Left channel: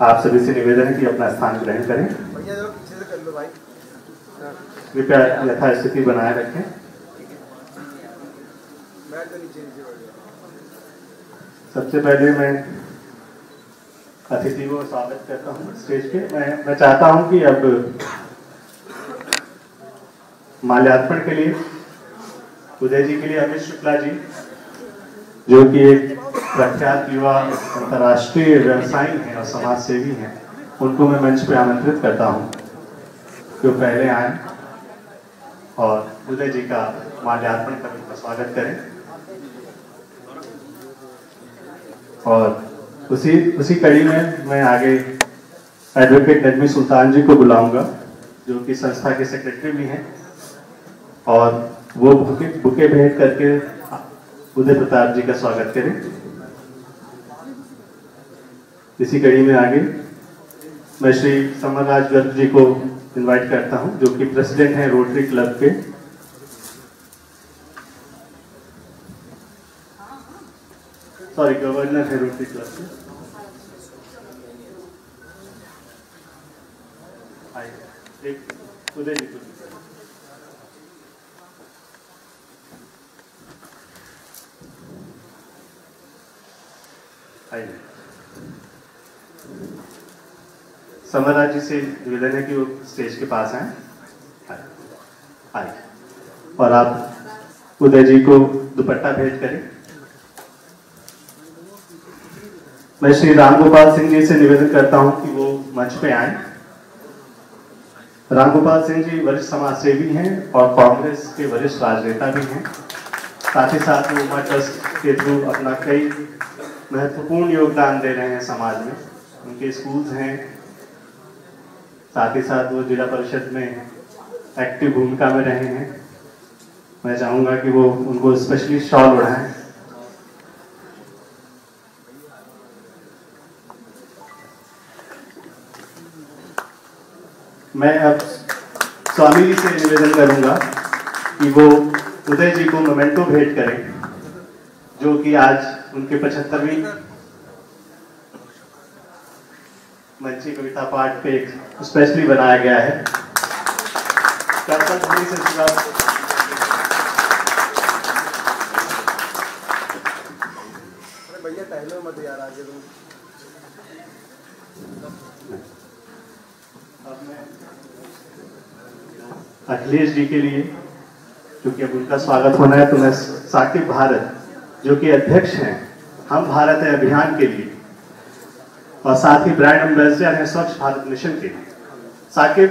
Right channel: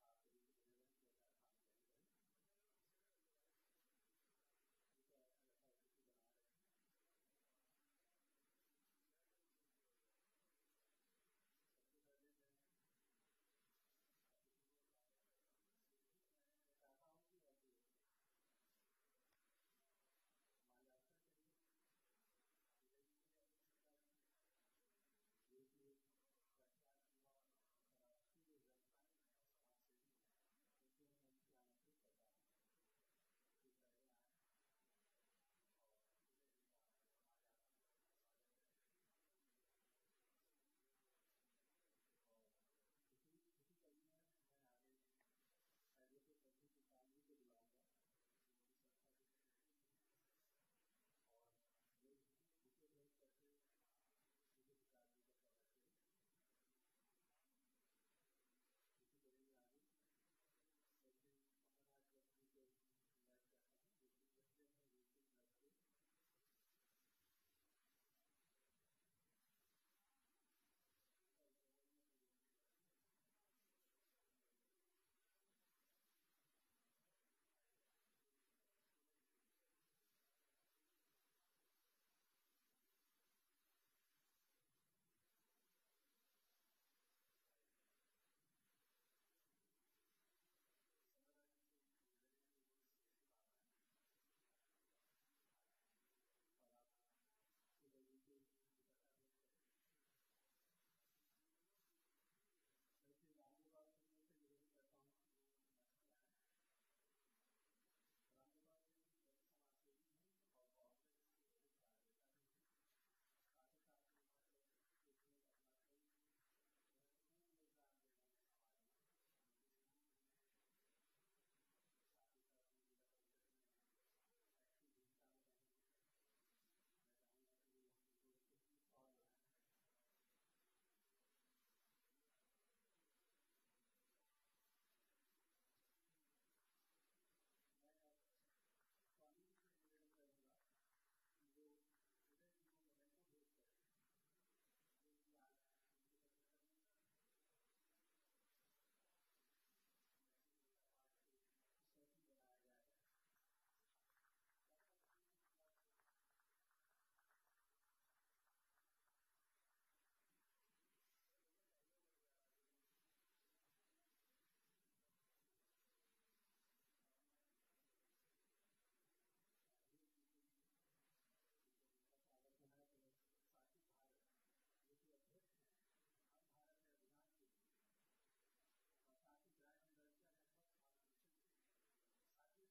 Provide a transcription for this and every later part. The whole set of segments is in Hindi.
आप सभी से निवेदन है कि अपना स्थान ग्रहण करें। कृपया यथास्थिति बनाए रखें। सबसे पहले मैं अतिथि को स्वागत करता हूँ स्टेज पे। मैं चाहता हूँ कि अब माल्यार्पण के लिए उदय जी के लिए अमित शुक्ला जी, जो कि एक प्रख्यात युवा अंतर्राष्ट्रीय व्यवसायी हैं और समाज सेवी हैं, उनको मैं मंच पे आमंत्रित करता हूँ कि वो पहले आए और उदय जी का माल्यार्पण कर उनका स्वागत करें। और उसी कड़ी में मैं आगे एडवोकेट नजमी सुल्तान जी को बुलाऊंगा, जो कि संस्था के सेक्रेटरी भी हैं, और वो बुके भेंट करके उदय प्रताप जी का स्वागत करें। इसी कड़ी में आगे मैं श्री समरराज गर्ग जी को इनवाइट करता हूं, जो कि प्रेसिडेंट हैं रोटरी क्लब के। गवर्नर है रोटरी क्लब के। उदय जी को समरराज जी से निवेदन है कि वो स्टेज के पास आए और आप उदय जी को दुपट्टा भेंट करें। मैं श्री रामगोपाल सिंह जी से निवेदन करता हूं कि वो मंच पे आए। रामगोपाल सिंह जी वरिष्ठ समाज सेवी हैं और कांग्रेस के वरिष्ठ राजनेता भी हैं। साथ ही साथ वो उमा ट्रस्ट के थ्रू अपना कई महत्वपूर्ण योगदान दे रहे हैं समाज में। उनके स्कूल्स हैं, साथ ही साथ वो जिला परिषद में एक्टिव भूमिका में रहे हैं। मैं चाहूंगा कि वो उनको स्पेशली शॉल ओढ़ाएं। मैं अब स्वामी जी से निवेदन करूंगा कि वो उदय जी को मोमेंटो भेंट करें, जो कि आज उनके 75वीं मंची कविता पाठ पे एक स्पेशली बनाया गया है। भैया टहलो मत यार आगे तुम। अखिलेश जी के लिए, क्योंकि अब उनका स्वागत होना है, तो मैं साकिब भारत, जो कि अध्यक्ष हैं हम भारत है अभियान के लिए और साथ ही ब्रांड एम्बेसडर हैं स्वच्छ भारत मिशन के। साकिब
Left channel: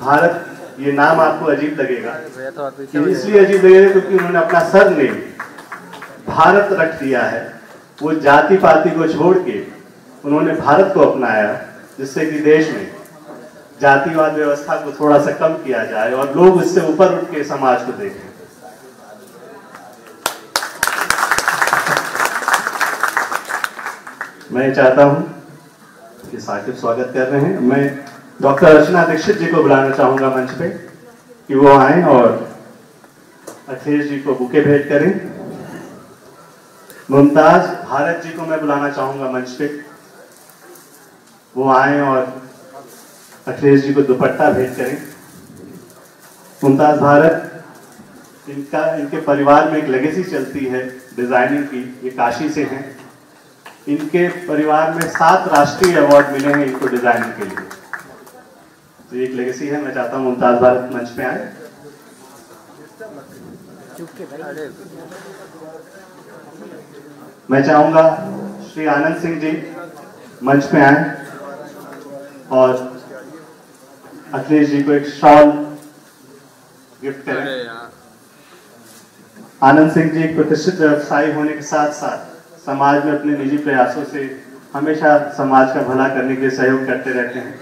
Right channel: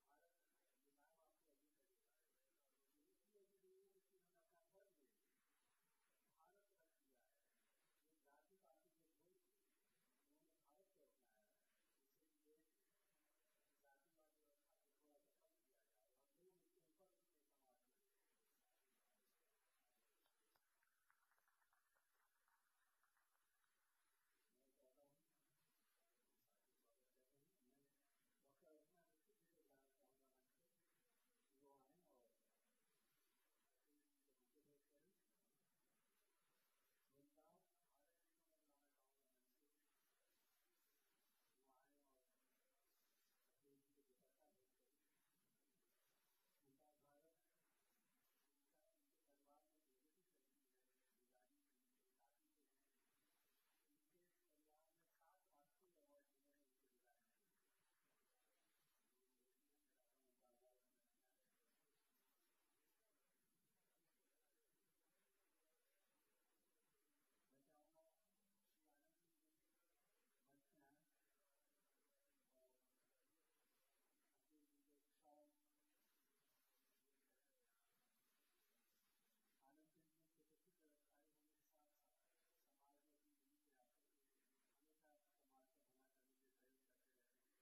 भारत, ये नाम आपको अजीब लगेगा, इसलिए अजीब लगेगा क्योंकि उन्होंने अपना सरनेम भारत रख दिया है। वो जाति पाति को छोड़ के उन्होंने भारत को अपनाया, जिससे कि देश में जातिवाद व्यवस्था को थोड़ा सा कम किया जाए और लोग इससे ऊपर उठ के समाज को देखें। मैं चाहता हूं कि साकिब स्वागत कर रहे हैं। मैं डॉक्टर अर्चना दीक्षित जी को बुलाना चाहूंगा मंच पे कि वो आए और अखिलेश जी को बुके भेंट करें। मुमताज भारत जी को मैं बुलाना चाहूंगा मंच पे, वो आए और अखिलेश जी को दुपट्टा भेंट करें। मुमताज भारत, इनके परिवार में एक लेगेसी चलती है डिजाइनिंग की, ये काशी से हैं। इनके परिवार में 7 राष्ट्रीय अवार्ड मिले हैं इनको डिजाइनिंग के लिए, तो एक लेगेसी है। मैं चाहता हूं मुमताज भारत मंच पे आए। मैं चाहूंगा श्री आनंद सिंह जी मंच पे आए और अखिलेश जी को एक शॉल गिफ्ट करें। आनंद सिंह जी एक प्रतिष्ठित व्यवसायी होने के साथ साथ समाज में अपने निजी प्रयासों से हमेशा समाज का भला करने के लिए सहयोग करते रहते हैं।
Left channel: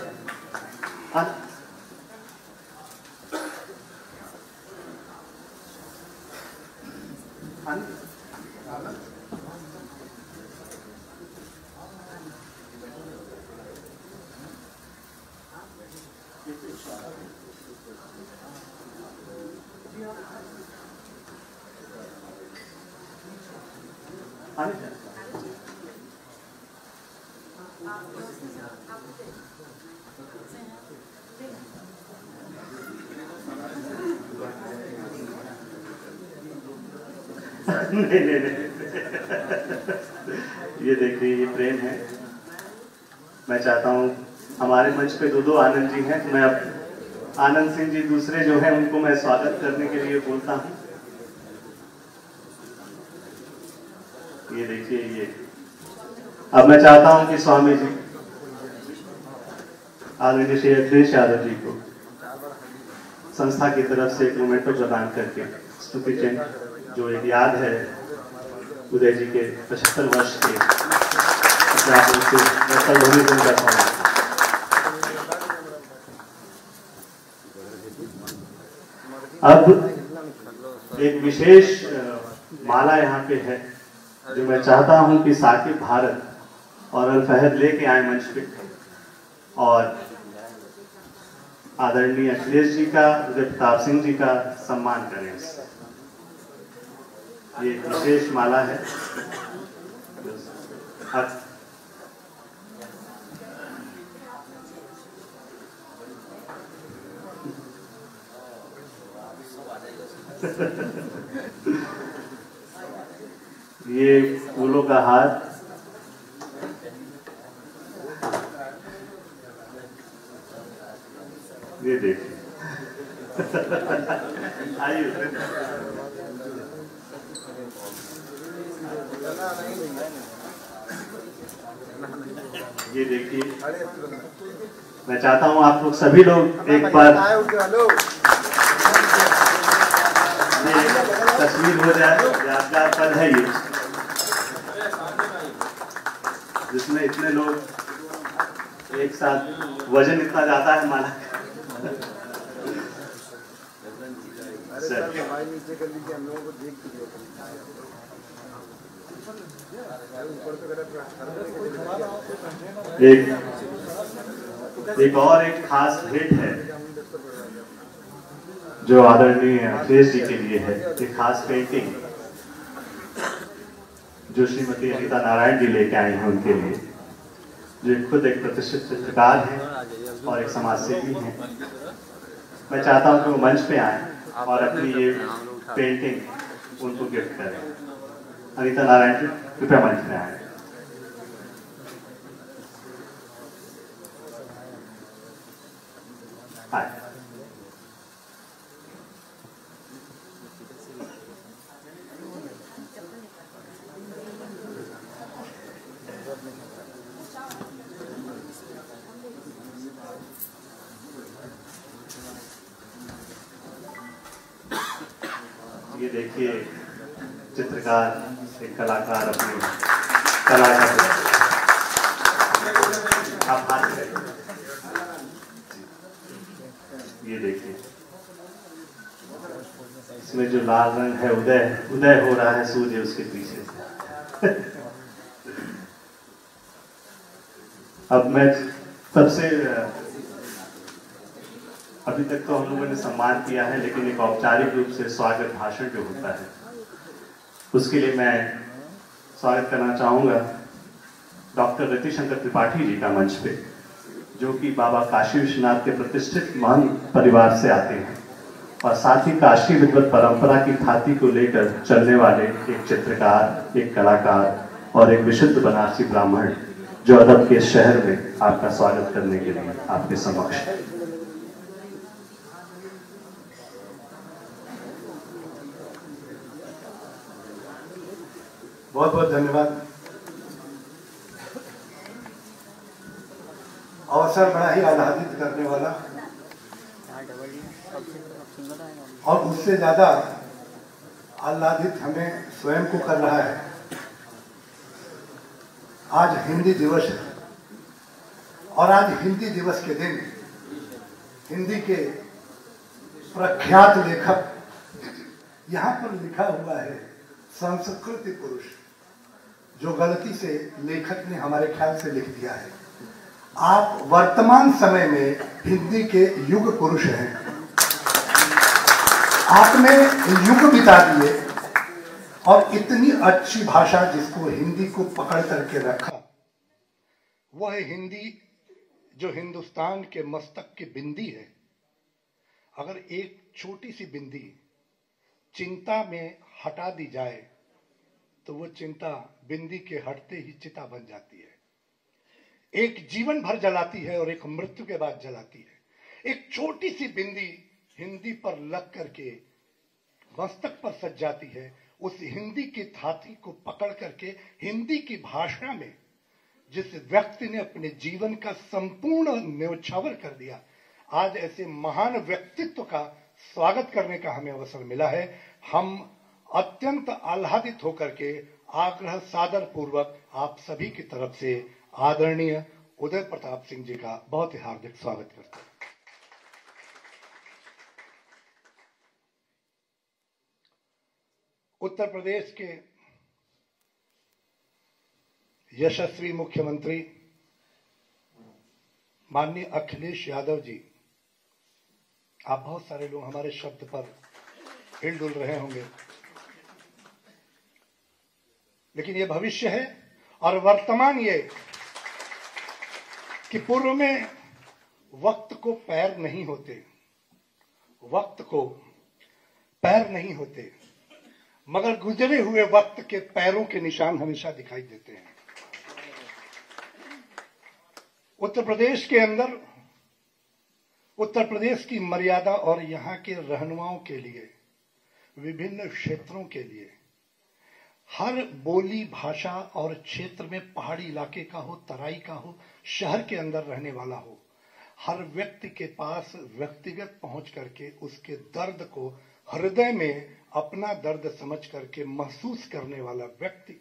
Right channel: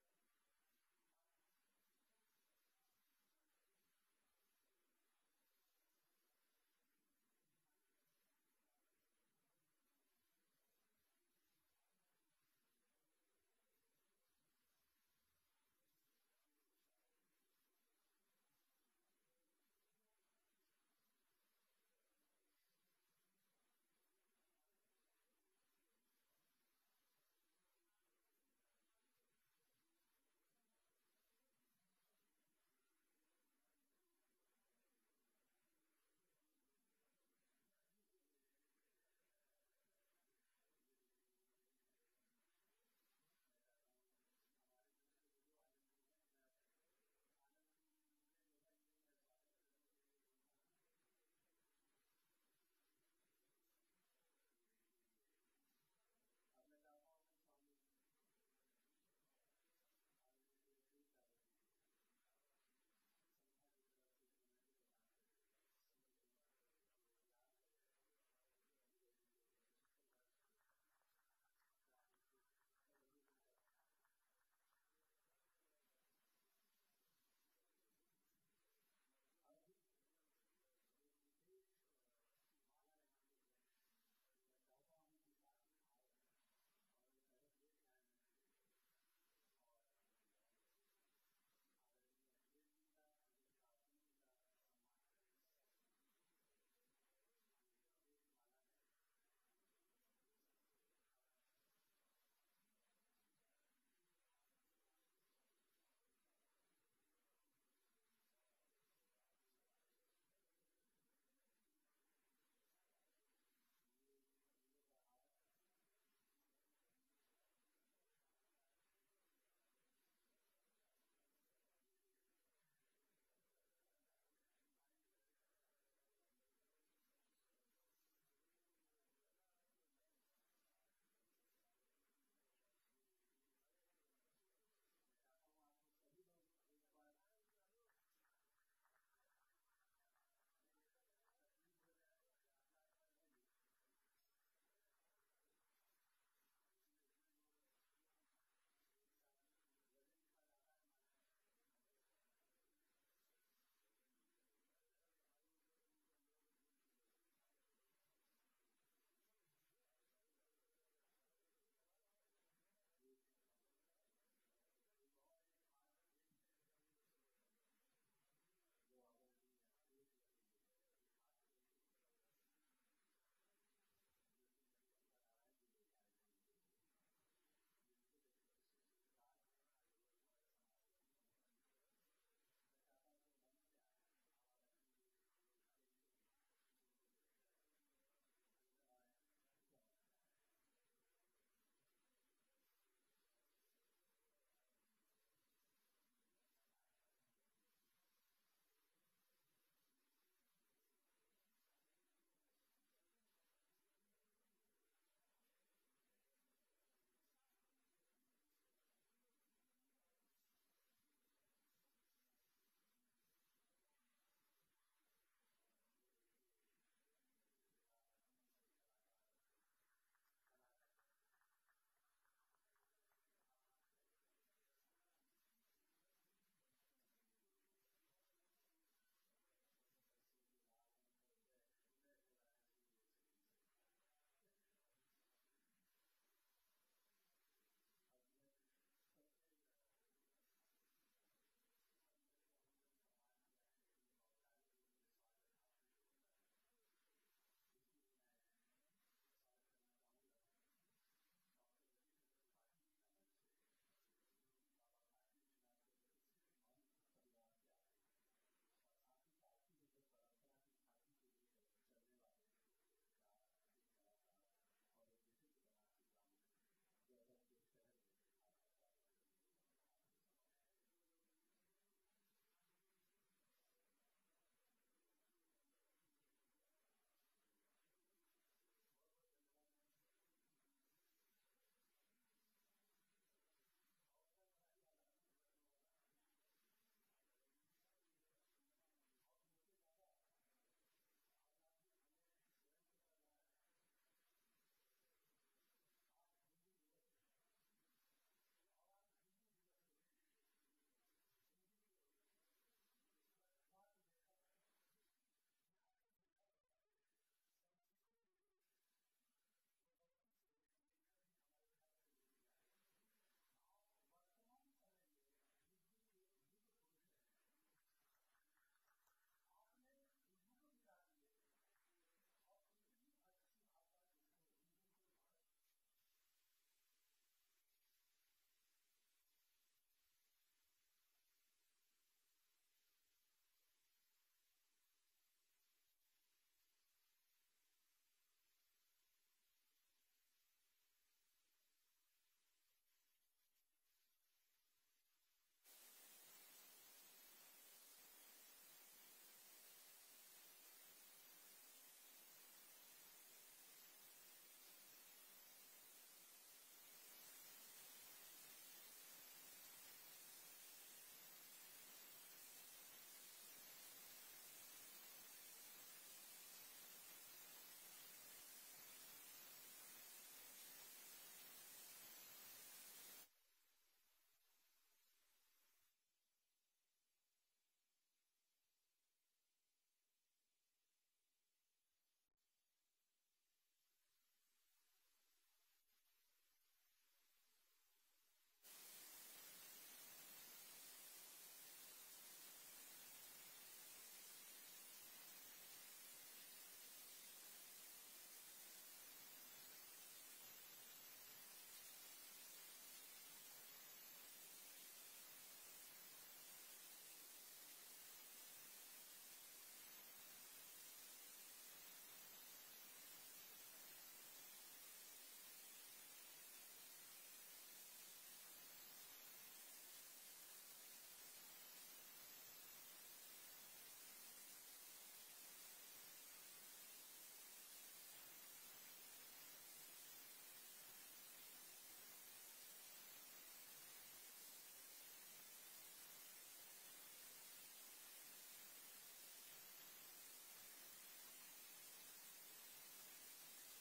नहीं नहीं नहीं ये देखिए, ये प्रेम है। मैं चाहता हूँ, हमारे मंच पे दो आनंद जी हैं, तो मैं अब आनंद सिंह जी दूसरे जो हैं उनको मैं स्वागत करने के लिए बोलता हूँ। ये देखिए, ये अब मैं चाहता हूँ कि स्वामी जी आदरणीय श्री अखिलेश यादव जी को संस्था की तरफ से एक मोमेंटो प्रदान करके स्तुति चिन्ह जो एक याद है उदय जी के 75 वर्ष के होने को उनका स्वागत। अब एक विशेष माला यहाँ पे है जो मैं चाहता हूँ कि साकिब भारत और अल फहद लेके आए मंच पे और आदरणीय अखिलेश जी का, उदय प्रताप सिंह जी का सम्मान करें। ये एक विशेष माला है। ये फूलों का हार, ये देखिए। आइए ये देखिए, मैं चाहता हूं आप लोग सभी लोग एक बार ये तस्वीर हो जाए। यादगार पल है ये, जिसमें इतने लोग एक साथ, वजन इतना ज्यादा है माला। एक और एक खास भेंट है जो आदरणीय अखिलेश जी के लिए है। एक खास पेंटिंग जो श्रीमती अनीता नारायण जी लेके आई हैं उनके लिए, जो खुद एक प्रतिष्ठित चित्रकार हैं और एक समाजसेवी हैं। मैं चाहता हूं कि वो मंच पे आए और अपनी ये पेंटिंग उनको गिफ्ट करें। अनीता नारायण जी कृपया मंच पे आए। ये देखिए, चित्रकार, एक कलाकार अपनी कला का आप हाथ करें। ये देखिए, इसमें जो लाल रंग है, उदय हो रहा है सूर्य उसके पीछे से। अब मैं सबसे, अभी तक तो हम लोगों ने सम्मान किया है, लेकिन एक औपचारिक रूप से स्वागत भाषण जो होता है उसके लिए मैं स्वागत करना चाहूंगा डॉक्टर रतिशंकर त्रिपाठी जी का मंच पे, जो कि बाबा काशी विश्वनाथ के प्रतिष्ठित महान परिवार से आते हैं और साथ ही काशी विद्वत परंपरा की ख्याति को लेकर चलने वाले एक चित्रकार, एक कलाकार और एक विशुद्ध बनारसी ब्राह्मण, जो अदब के शहर में आपका स्वागत करने के लिए आपके समक्ष। बहुत बहुत धन्यवाद। अवसर बड़ा ही आह्लादित करने वाला और उससे ज्यादा आह्लादित हमें स्वयं को कर रहा है। आज हिंदी दिवस है और आज हिंदी दिवस के दिन हिंदी के प्रख्यात लेखक, यहाँ पर लिखा हुआ है संस्कृति पुरुष, जो गलती से लेखक ने हमारे ख्याल से लिख दिया है। आप वर्तमान समय में हिंदी के युग पुरुष हैं। आपने युग बिता दिए और इतनी अच्छी भाषा जिसको हिंदी को पकड़ करके रखा, वह हिंदी जो हिंदुस्तान के मस्तक की बिंदी है। अगर एक छोटी सी बिंदी चिंता में हटा दी जाए तो वो चिंता बिंदी के हटते ही चिता बन जाती है। एक जीवन भर जलाती है और एक मृत्यु के बाद जलाती है। एक छोटी सी बिंदी हिंदी पर लग करके मस्तक पर सज जाती है। उस हिंदी की थाती को पकड़ करके हिंदी की भाषा में जिस व्यक्ति ने अपने जीवन का संपूर्ण न्यौछावर कर दिया, आज ऐसे महान व्यक्तित्व का स्वागत करने का हमें अवसर मिला है। हम अत्यंत आह्लादित होकर के आग्रह सादर पूर्वक आप सभी की तरफ से आदरणीय उदय प्रताप सिंह जी का बहुत ही हार्दिक स्वागत करते हैं। उत्तर प्रदेश के यशस्वी मुख्यमंत्री माननीय अखिलेश यादव जी, आप बहुत सारे लोग हमारे शब्द पर हिलडुल रहे होंगे, लेकिन ये भविष्य है और वर्तमान ये कि पूर्व में वक्त को पैर नहीं होते, वक्त को पैर नहीं होते, मगर गुजरे हुए वक्त के पैरों के निशान हमेशा दिखाई देते हैं। उत्तर प्रदेश के अंदर, उत्तर प्रदेश की मर्यादा और यहाँ के रहनुमाओं के लिए, विभिन्न क्षेत्रों के लिए, हर बोली भाषा और क्षेत्र में, पहाड़ी इलाके का हो, तराई का हो, शहर के अंदर रहने वाला हो, हर व्यक्ति के पास व्यक्तिगत पहुंच करके उसके दर्द को हृदय में अपना दर्द समझ करके महसूस करने वाला व्यक्ति,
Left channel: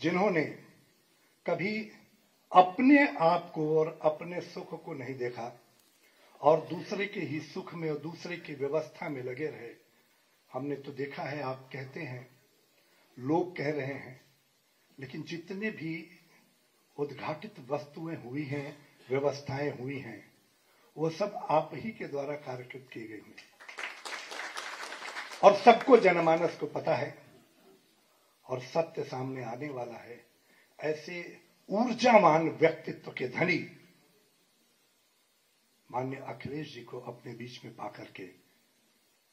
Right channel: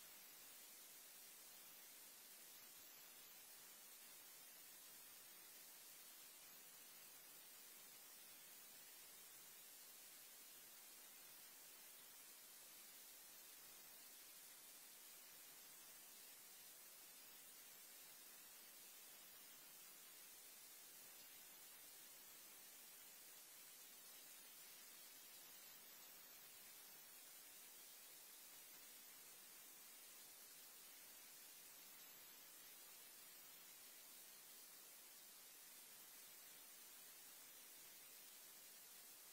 जिन्होंने कभी अपने आप को और अपने सुख को नहीं देखा और दूसरे के ही सुख में और दूसरे की व्यवस्था में लगे रहे। हमने तो देखा है, आप कहते हैं, लोग कह रहे हैं, लेकिन जितने भी उद्घाटित वस्तुएं हुई हैं, व्यवस्थाएं हुई हैं, वो सब आप ही के द्वारा कार्यकृत की गई हैं और सबको जनमानस को पता है और सत्य सामने आने वाला है। ऐसे ऊर्जावान व्यक्तित्व के धनी माननीय अखिलेश जी को अपने बीच में पाकर के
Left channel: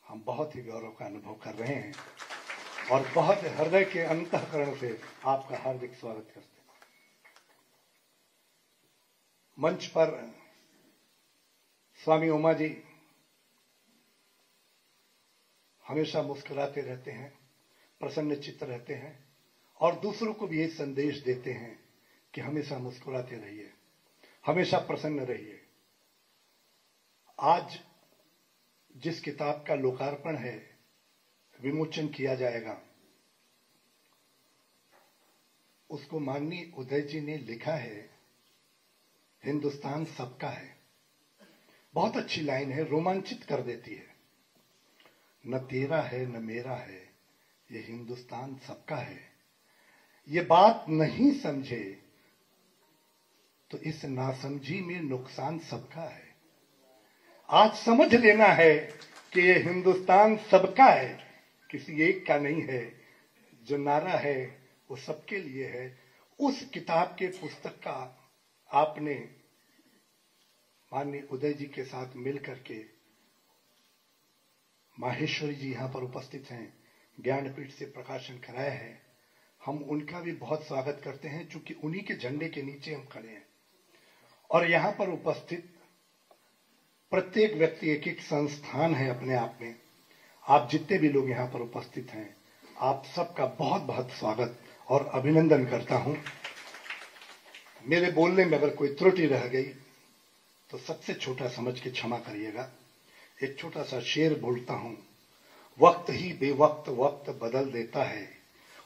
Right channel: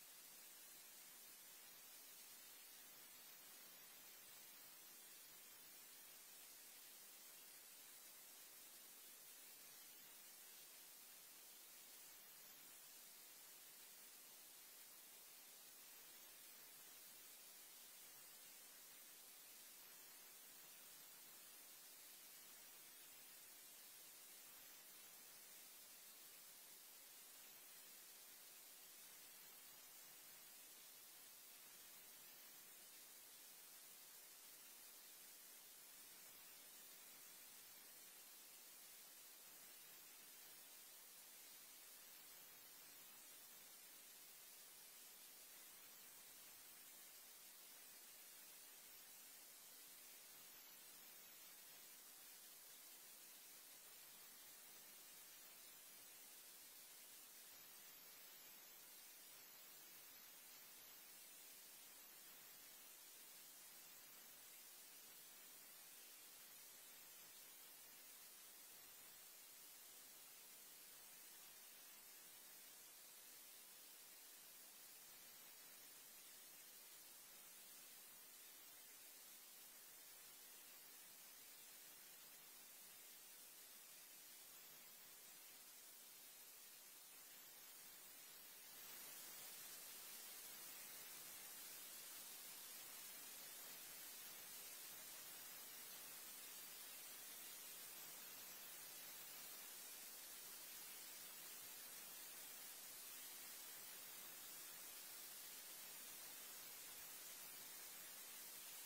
हम बहुत ही गौरव का अनुभव कर रहे हैं और बहुत हृदय के अंतःकरण से आपका हार्दिक स्वागत करते हैं। मंच पर स्वामी उमा जी हमेशा मुस्कुराते रहते हैं, प्रसन्न चित्त रहते हैं और दूसरों को भी ये संदेश देते हैं कि हमेशा मुस्कुराते रहिए, हमेशा प्रसन्न रहिए। आज जिस किताब का लोकार्पण है, विमोचन किया जाएगा, उसको माननीय उदय जी ने लिखा है, हिंदुस्तान सबका है। बहुत अच्छी लाइन है, रोमांचित कर देती है। न तेरा है न मेरा है, ये हिंदुस्तान सबका है। ये बात नहीं समझे तो इस नासमझी में नुकसान सबका है। आज समझ लेना है कि ये हिंदुस्तान सबका है, किसी एक का नहीं है। जो नारा है वो सबके लिए है। उस किताब के पुस्तक का आपने माननीय उदय जी के साथ मिलकर के, माहेश्वरी जी यहाँ पर उपस्थित हैं, ज्ञानपीठ से प्रकाशन कराया है। हम उनका भी बहुत स्वागत करते हैं, चूंकि उन्हीं के झंडे के नीचे हम खड़े हैं और यहाँ पर उपस्थित प्रत्येक व्यक्ति एक एक संस्थान है अपने आप में। आप जितने भी लोग यहाँ पर उपस्थित हैं, आप सबका बहुत बहुत स्वागत और अभिनंदन करता हूँ। मेरे बोलने में अगर कोई त्रुटि रह गई तो सबसे छोटा समझ के क्षमा करिएगा। एक छोटा सा शेर बोलता हूँ। वक्त ही बेवक्त वक्त बदल देता है,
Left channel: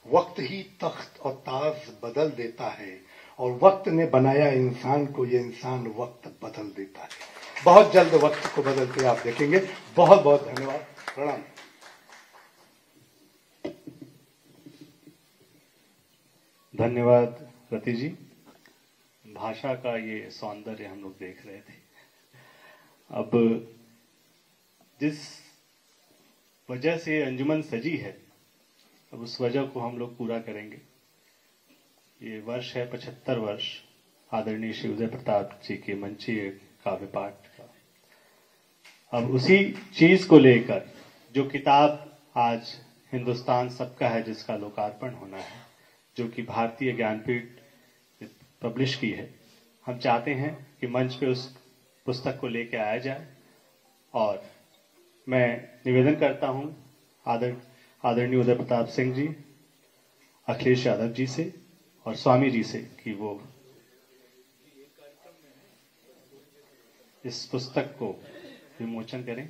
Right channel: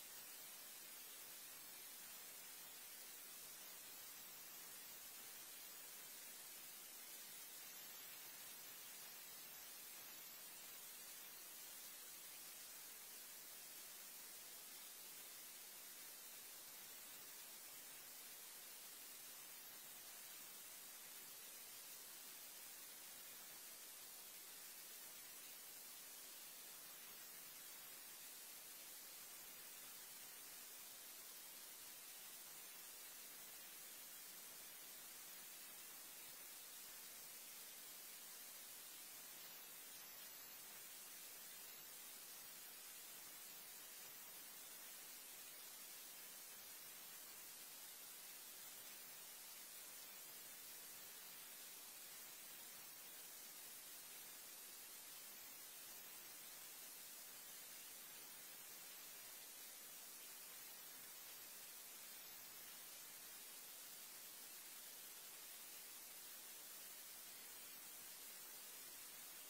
वक्त ही तख्त और ताज बदल देता है, और वक्त ने बनाया इंसान को, ये इंसान वक्त बदल देता है। बहुत जल्द वक्त को बदलते आप देखेंगे। बहुत बहुत धन्यवाद, प्रणाम। धन्यवाद रति जी। भाषा का ये सौंदर्य हम लोग देख रहे थे। अब जिस वजह से अंजुमन सजी है, अब उस वजह को हम लोग पूरा करेंगे। ये वर्ष है 75 वर्ष आदरणीय श्री उदय प्रताप जी के मंचीय काव्य पाठ का। अब उसी चीज को लेकर जो किताब आज हिंदुस्तान सबका है जिसका लोकार्पण होना है, जो कि भारतीय ज्ञानपीठ पब्लिश की है। हम चाहते हैं कि मंच पे उस पुस्तक को लेके आया जाए और मैं निवेदन करता हूं आदरणीय उदय प्रताप सिंह जी, अखिलेश यादव जी से और स्वामी जी से कि वो इस पुस्तक को विमोचन करें।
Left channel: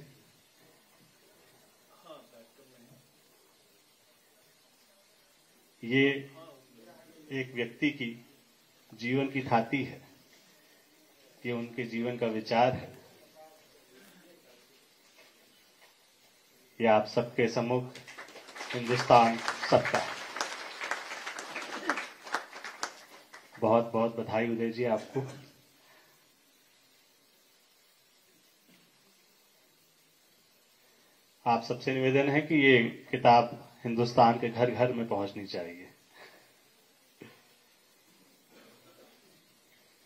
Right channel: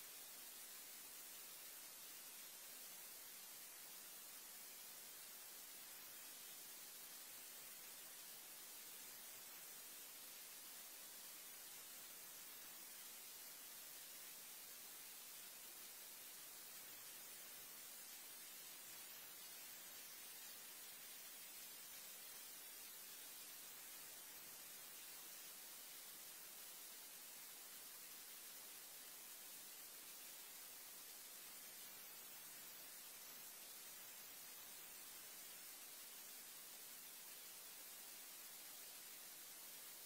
ये एक व्यक्ति की जीवन की थाती है, ये उनके जीवन का विचार है। ये आप सबके सम्मुख हिंदुस्तान सबका। बहुत बहुत बधाई उदय जी आपको। आप सबसे निवेदन है कि ये किताब हिंदुस्तान के घर घर में पहुंचनी चाहिए।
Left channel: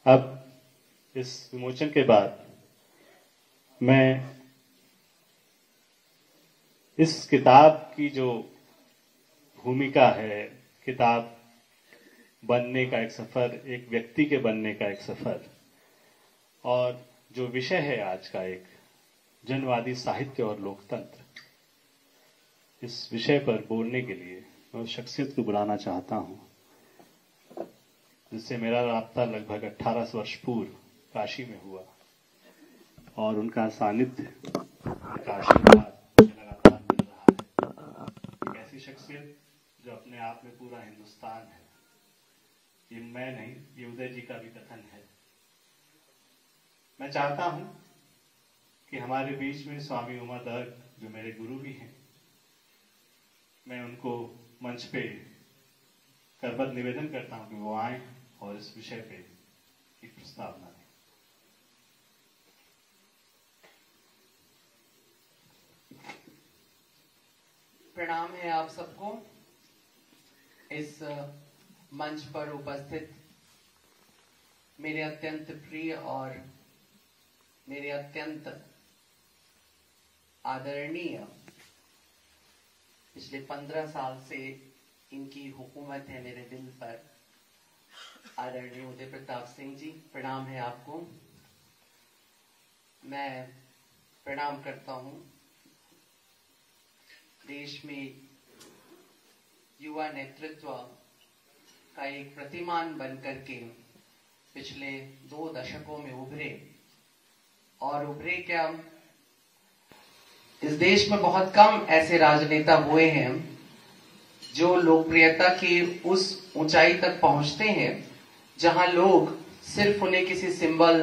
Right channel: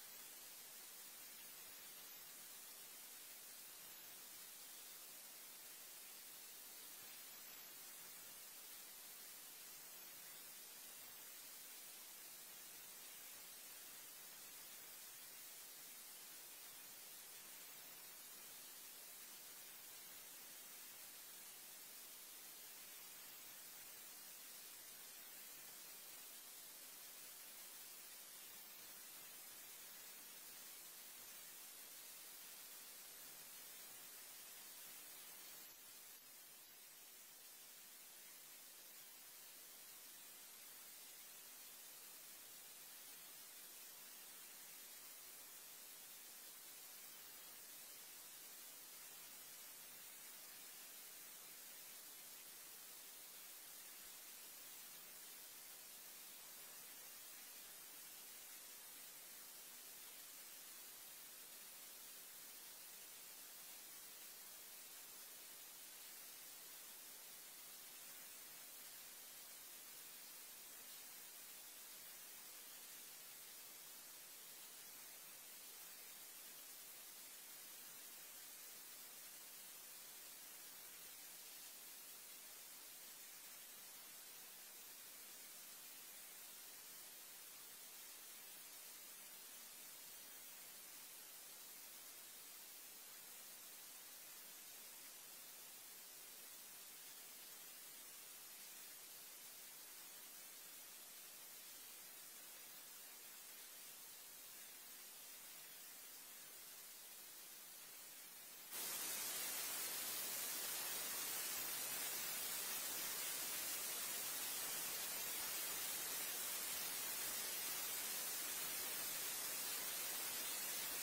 अब इस विमोचन के बाद मैं इस किताब की जो भूमिका है, किताब बनने का एक सफर, एक व्यक्ति के बनने का एक सफर, और जो विषय है आज का एक जनवादी साहित्य और लोकतंत्र, इस विषय पर बोलने के लिए मैं उस शख्सियत को बुलाना चाहता हूं जिससे मेरा राब्ता लगभग 18 वर्ष पूर्व काशी में हुआ और उनका सानिध्य, उनका आशीर्वाद मुझे लगातार मिल रहा है। एक ऐसी शख्सियत जो अपने आप में पूरा हिंदुस्तान है। ये मैं नहीं, ये उदय जी का भी कथन है। मैं चाहता हूं कि हमारे बीच में स्वामी उमा दर्ग, जो मेरे गुरु भी हैं, मैं उनको मंच पे करबद्ध निवेदन करता हूं कि वो आए और इस विषय पे एक प्रस्तावना दें। प्रणाम है आप सबको। इस मंच पर उपस्थित मेरे अत्यंत प्रिय और मेरे अत्यंत आदरणीय, पिछले 15 साल से इनकी हुकूमत है मेरे दिल पर, आदरणीय उदय प्रताप सिंह जी, प्रणाम है आपको। मैं प्रणाम करता हूं देश में युवा नेतृत्व का एक प्रतिमान बनकर के पिछले 2 दशकों में उभरे, और उभरे क्या, इस देश में बहुत कम ऐसे राजनेता हुए हैं जो लोकप्रियता की उस ऊंचाई तक पहुंचते हैं जहां लोग सिर्फ उन्हें किसी सिंबल,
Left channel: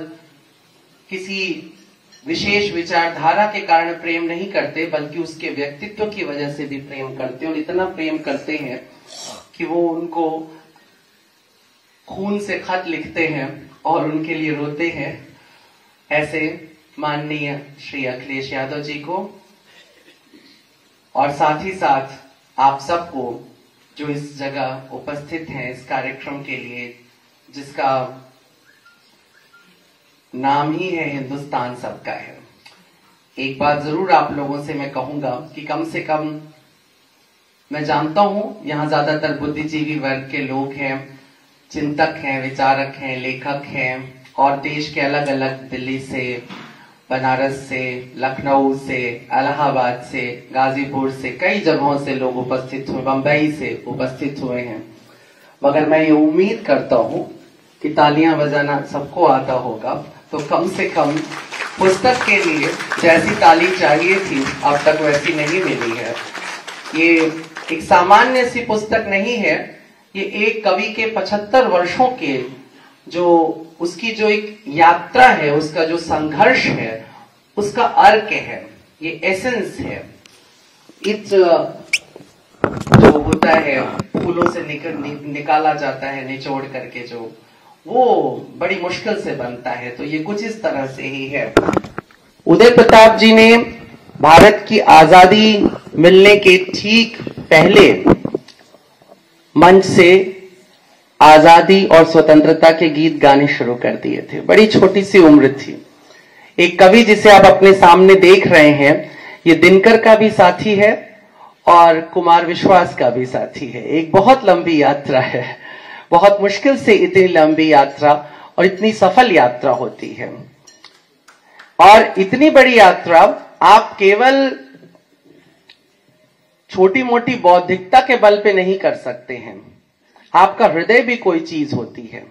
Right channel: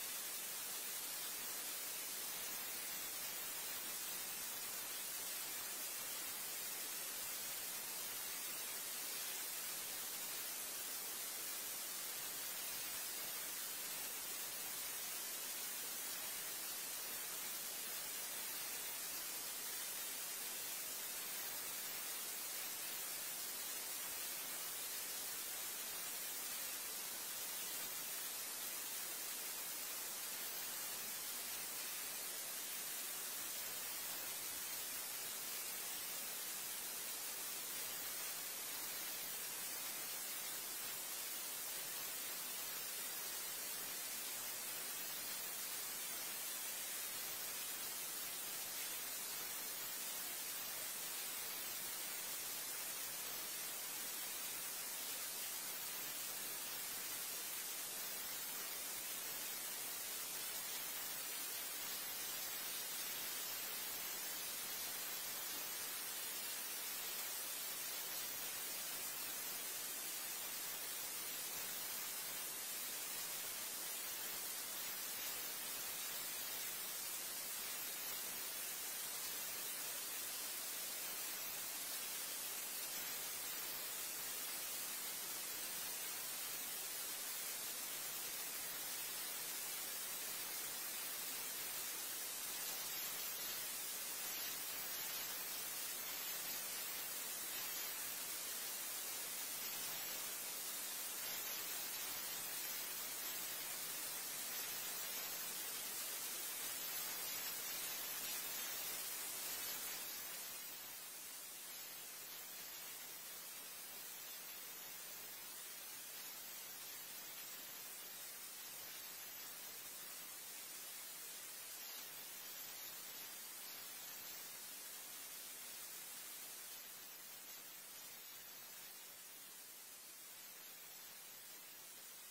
किसी विशेष विचारधारा के कारण प्रेम नहीं करते, बल्कि उसके व्यक्तित्व की वजह से भी प्रेम करते हैं। और इतना प्रेम करते हैं कि वो उनको खून से खत लिखते हैं और उनके लिए रोते हैं। ऐसे माननीय श्री अखिलेश यादव जी को और साथ ही साथ आप सबको जो इस जगह उपस्थित हैं इस कार्यक्रम के लिए, जिसका नाम ही है हिंदुस्तान सबका है। एक बात जरूर आप लोगों से मैं कहूंगा कि कम से कम मैं जानता हूं यहाँ ज्यादातर बुद्धिजीवी वर्ग के लोग हैं, चिंतक हैं, विचारक हैं, लेखक हैं, और देश के अलग अलग, दिल्ली से, बनारस से, लखनऊ से, इलाहाबाद से, गाजीपुर से, कई जगहों से लोग उपस्थित हुए, बंबई से उपस्थित हुए हैं। मगर मैं ये उम्मीद करता हूँ कि तालियां बजाना सबको आता होगा, तो कम से कम पुस्तक के लिए जैसी ताली चाहिए थी अब तक वैसी नहीं मिली है। ये एक सामान्य सी पुस्तक नहीं है, ये एक कवि के 75 वर्षों के जो उसकी जो एक यात्रा है, उसका जो संघर्ष है, उसका अर्क है, ये एसेंस है। इस जो होता है फूलों से निकाला जाता है निचोड़ करके, जो वो बड़ी मुश्किल से बनता है, तो ये कुछ इस तरह से ही है। उदय प्रताप जी ने भारत की आजादी मिलने के ठीक पहले मंच से आजादी और स्वतंत्रता के गीत गाने शुरू कर दिए थे। बड़ी छोटी सी उम्र थी। एक कवि जिसे आप अपने सामने देख रहे हैं, ये दिनकर का भी साथी है और कुमार विश्वास का भी साथी है। एक बहुत लंबी यात्रा है, बहुत मुश्किल से इतनी लंबी यात्रा और इतनी सफल यात्रा होती है। और इतनी बड़ी यात्रा आप केवल छोटी मोटी बौद्धिकता के बल पे नहीं कर सकते हैं, आपका हृदय भी कोई चीज होती है।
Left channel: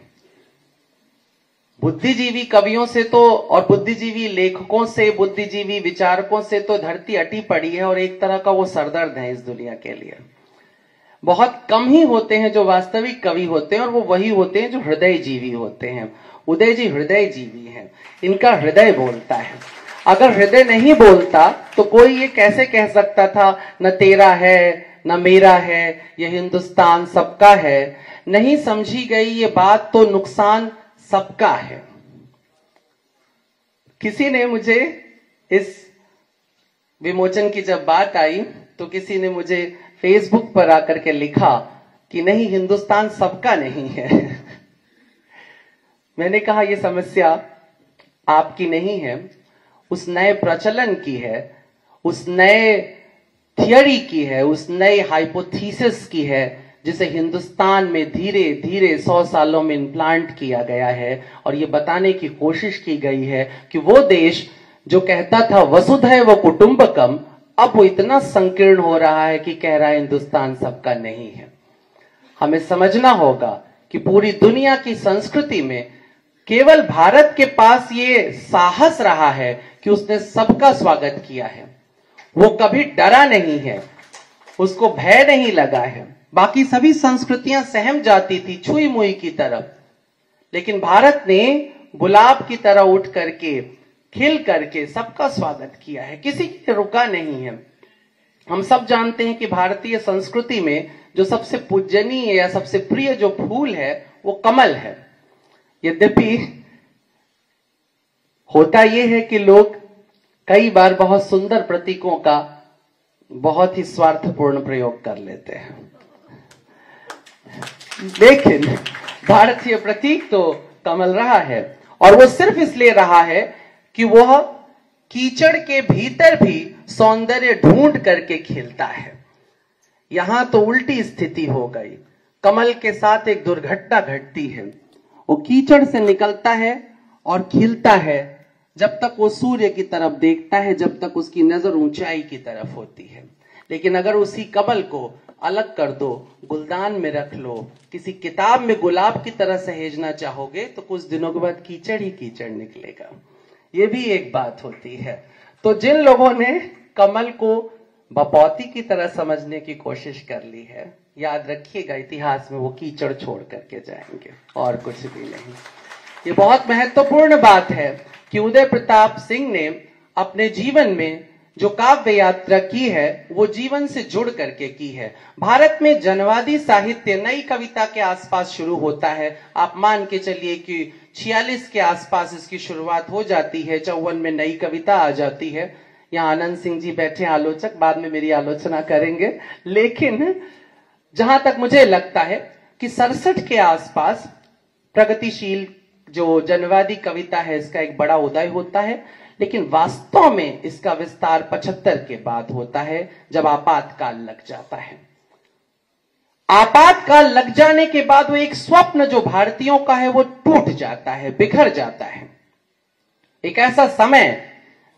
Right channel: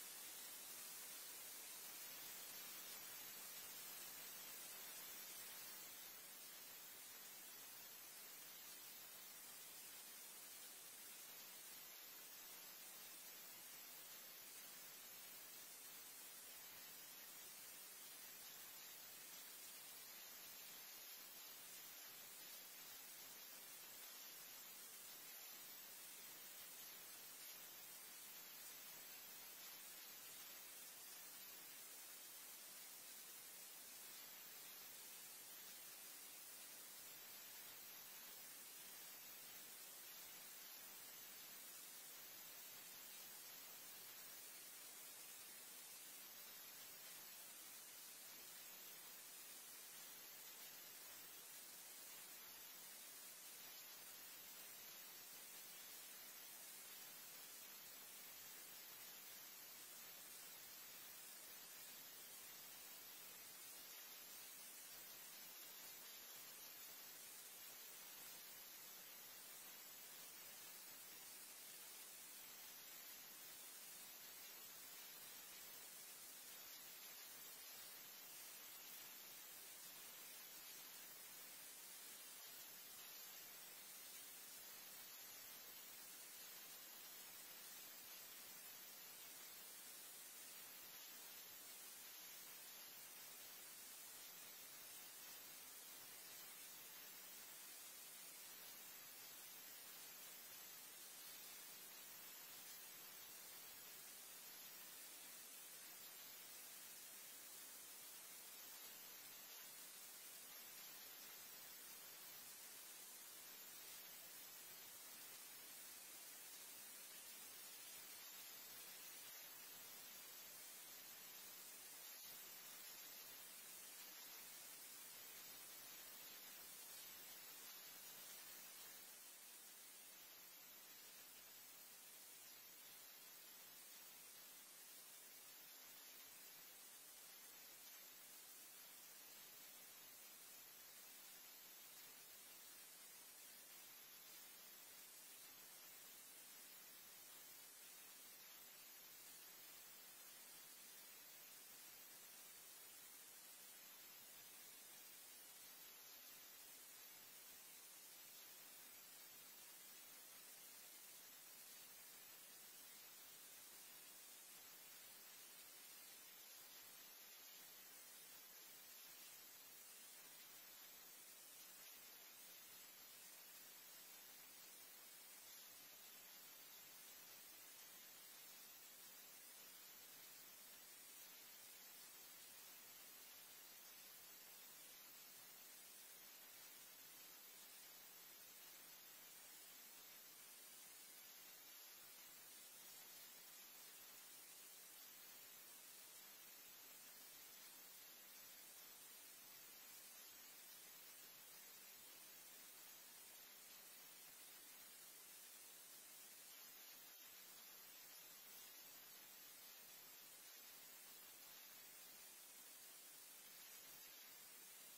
बुद्धिजीवी कवियों से तो और बुद्धिजीवी लेखकों से, बुद्धिजीवी विचारकों से तो धरती अटी पड़ी है और एक तरह का वो सरदर्द है इस दुनिया के लिए। बहुत कम ही होते हैं जो वास्तविक कवि होते हैं और वो वही होते हैं जो हृदय जीवी होते हैं। उदय जी हृदय जीवी हैं, इनका हृदय बोलता है। अगर हृदय नहीं बोलता तो कोई ये कैसे कह सकता था न तेरा है न मेरा है, ये हिंदुस्तान सबका है, नहीं समझी गई ये बात तो नुकसान सबका है। किसी ने मुझे इस विमोचन की जब बात आई तो किसी ने मुझे फेसबुक पर आकर के लिखा कि नहीं, हिंदुस्तान सबका नहीं है। मैंने कहा यह समस्या आपकी नहीं है, उस नए प्रचलन की है, उस नए थियरी की है, उस नए हाइपोथेसिस की है जिसे हिंदुस्तान में धीरे धीरे 100 सालों में इम्प्लांट किया गया है। और ये बताने की कोशिश की गई है कि वो देश जो कहता था वसुधैव कुटुंबकम, अब वो इतना संकीर्ण हो रहा है कि कह रहा है हिंदुस्तान सबका नहीं है। हमें समझना होगा कि पूरी दुनिया की संस्कृति में केवल भारत के पास ये साहस रहा है कि उसने सबका स्वागत किया है। वो कभी डरा नहीं है, उसको भय नहीं लगा है। बाकी सभी संस्कृतियां सहम जाती थी छुई मुई की तरफ, लेकिन भारत ने गुलाब की तरह उठ करके, खिल करके सबका स्वागत किया है, किसी के लिए रुका नहीं है। हम सब जानते हैं कि भारतीय संस्कृति में जो सबसे पूजनीय या सबसे प्रिय जो फूल है वो कमल है। यद्यपि होता यह है कि लोग कई बार बहुत सुंदर प्रतीकों का बहुत ही स्वार्थपूर्ण प्रयोग कर लेते हैं, लेकिन भारतीय प्रतीक तो कमल रहा है। और वो सिर्फ इसलिए रहा है कि वह कीचड़ के भीतर भी सौंदर्य ढूंढ करके खिलता है। यहां तो उल्टी स्थिति हो गई, कमल के साथ एक दुर्घटना घटती है। वो कीचड़ से निकलता है और खिलता है जब तक वो सूर्य की तरफ देखता है, जब तक उसकी नजर ऊंचाई की तरफ होती है। लेकिन अगर उसी कमल को अलग कर दो, गुलदान में रख लो, किसी किताब में गुलाब की तरह सहेजना चाहोगे तो कुछ दिनों के बाद कीचड़ ही कीचड़ निकलेगा। ये भी एक बात होती है। तो जिन लोगों ने कमल को बपौती की तरह समझने की कोशिश कर ली है, याद रखिएगा इतिहास में वो कीचड़ छोड़ करके जाएंगे और कुछ भी नहीं। ये बहुत महत्वपूर्ण बात है कि उदय प्रताप सिंह ने अपने जीवन में जो काव्य यात्रा की है वो जीवन से जुड़ करके की है। भारत में जनवादी साहित्य नई कविता के आसपास शुरू होता है। आप मान के चलिए कि 46 के आसपास इसकी शुरुआत हो जाती है, 54 में नई कविता आ जाती है। यहाँ आनंद सिंह जी बैठे आलोचक, बाद में मेरी आलोचना करेंगे। लेकिन जहां तक मुझे लगता है कि 67 के आसपास प्रगतिशील जो जनवादी कविता है इसका एक बड़ा उदय होता है। लेकिन वास्तव में इसका विस्तार 75 के बाद होता है, जब आपातकाल लग जाता है। आपातकाल लग जाने के बाद वो एक स्वप्न जो भारतीयों का है वो टूट जाता है, बिखर जाता है। एक ऐसा समय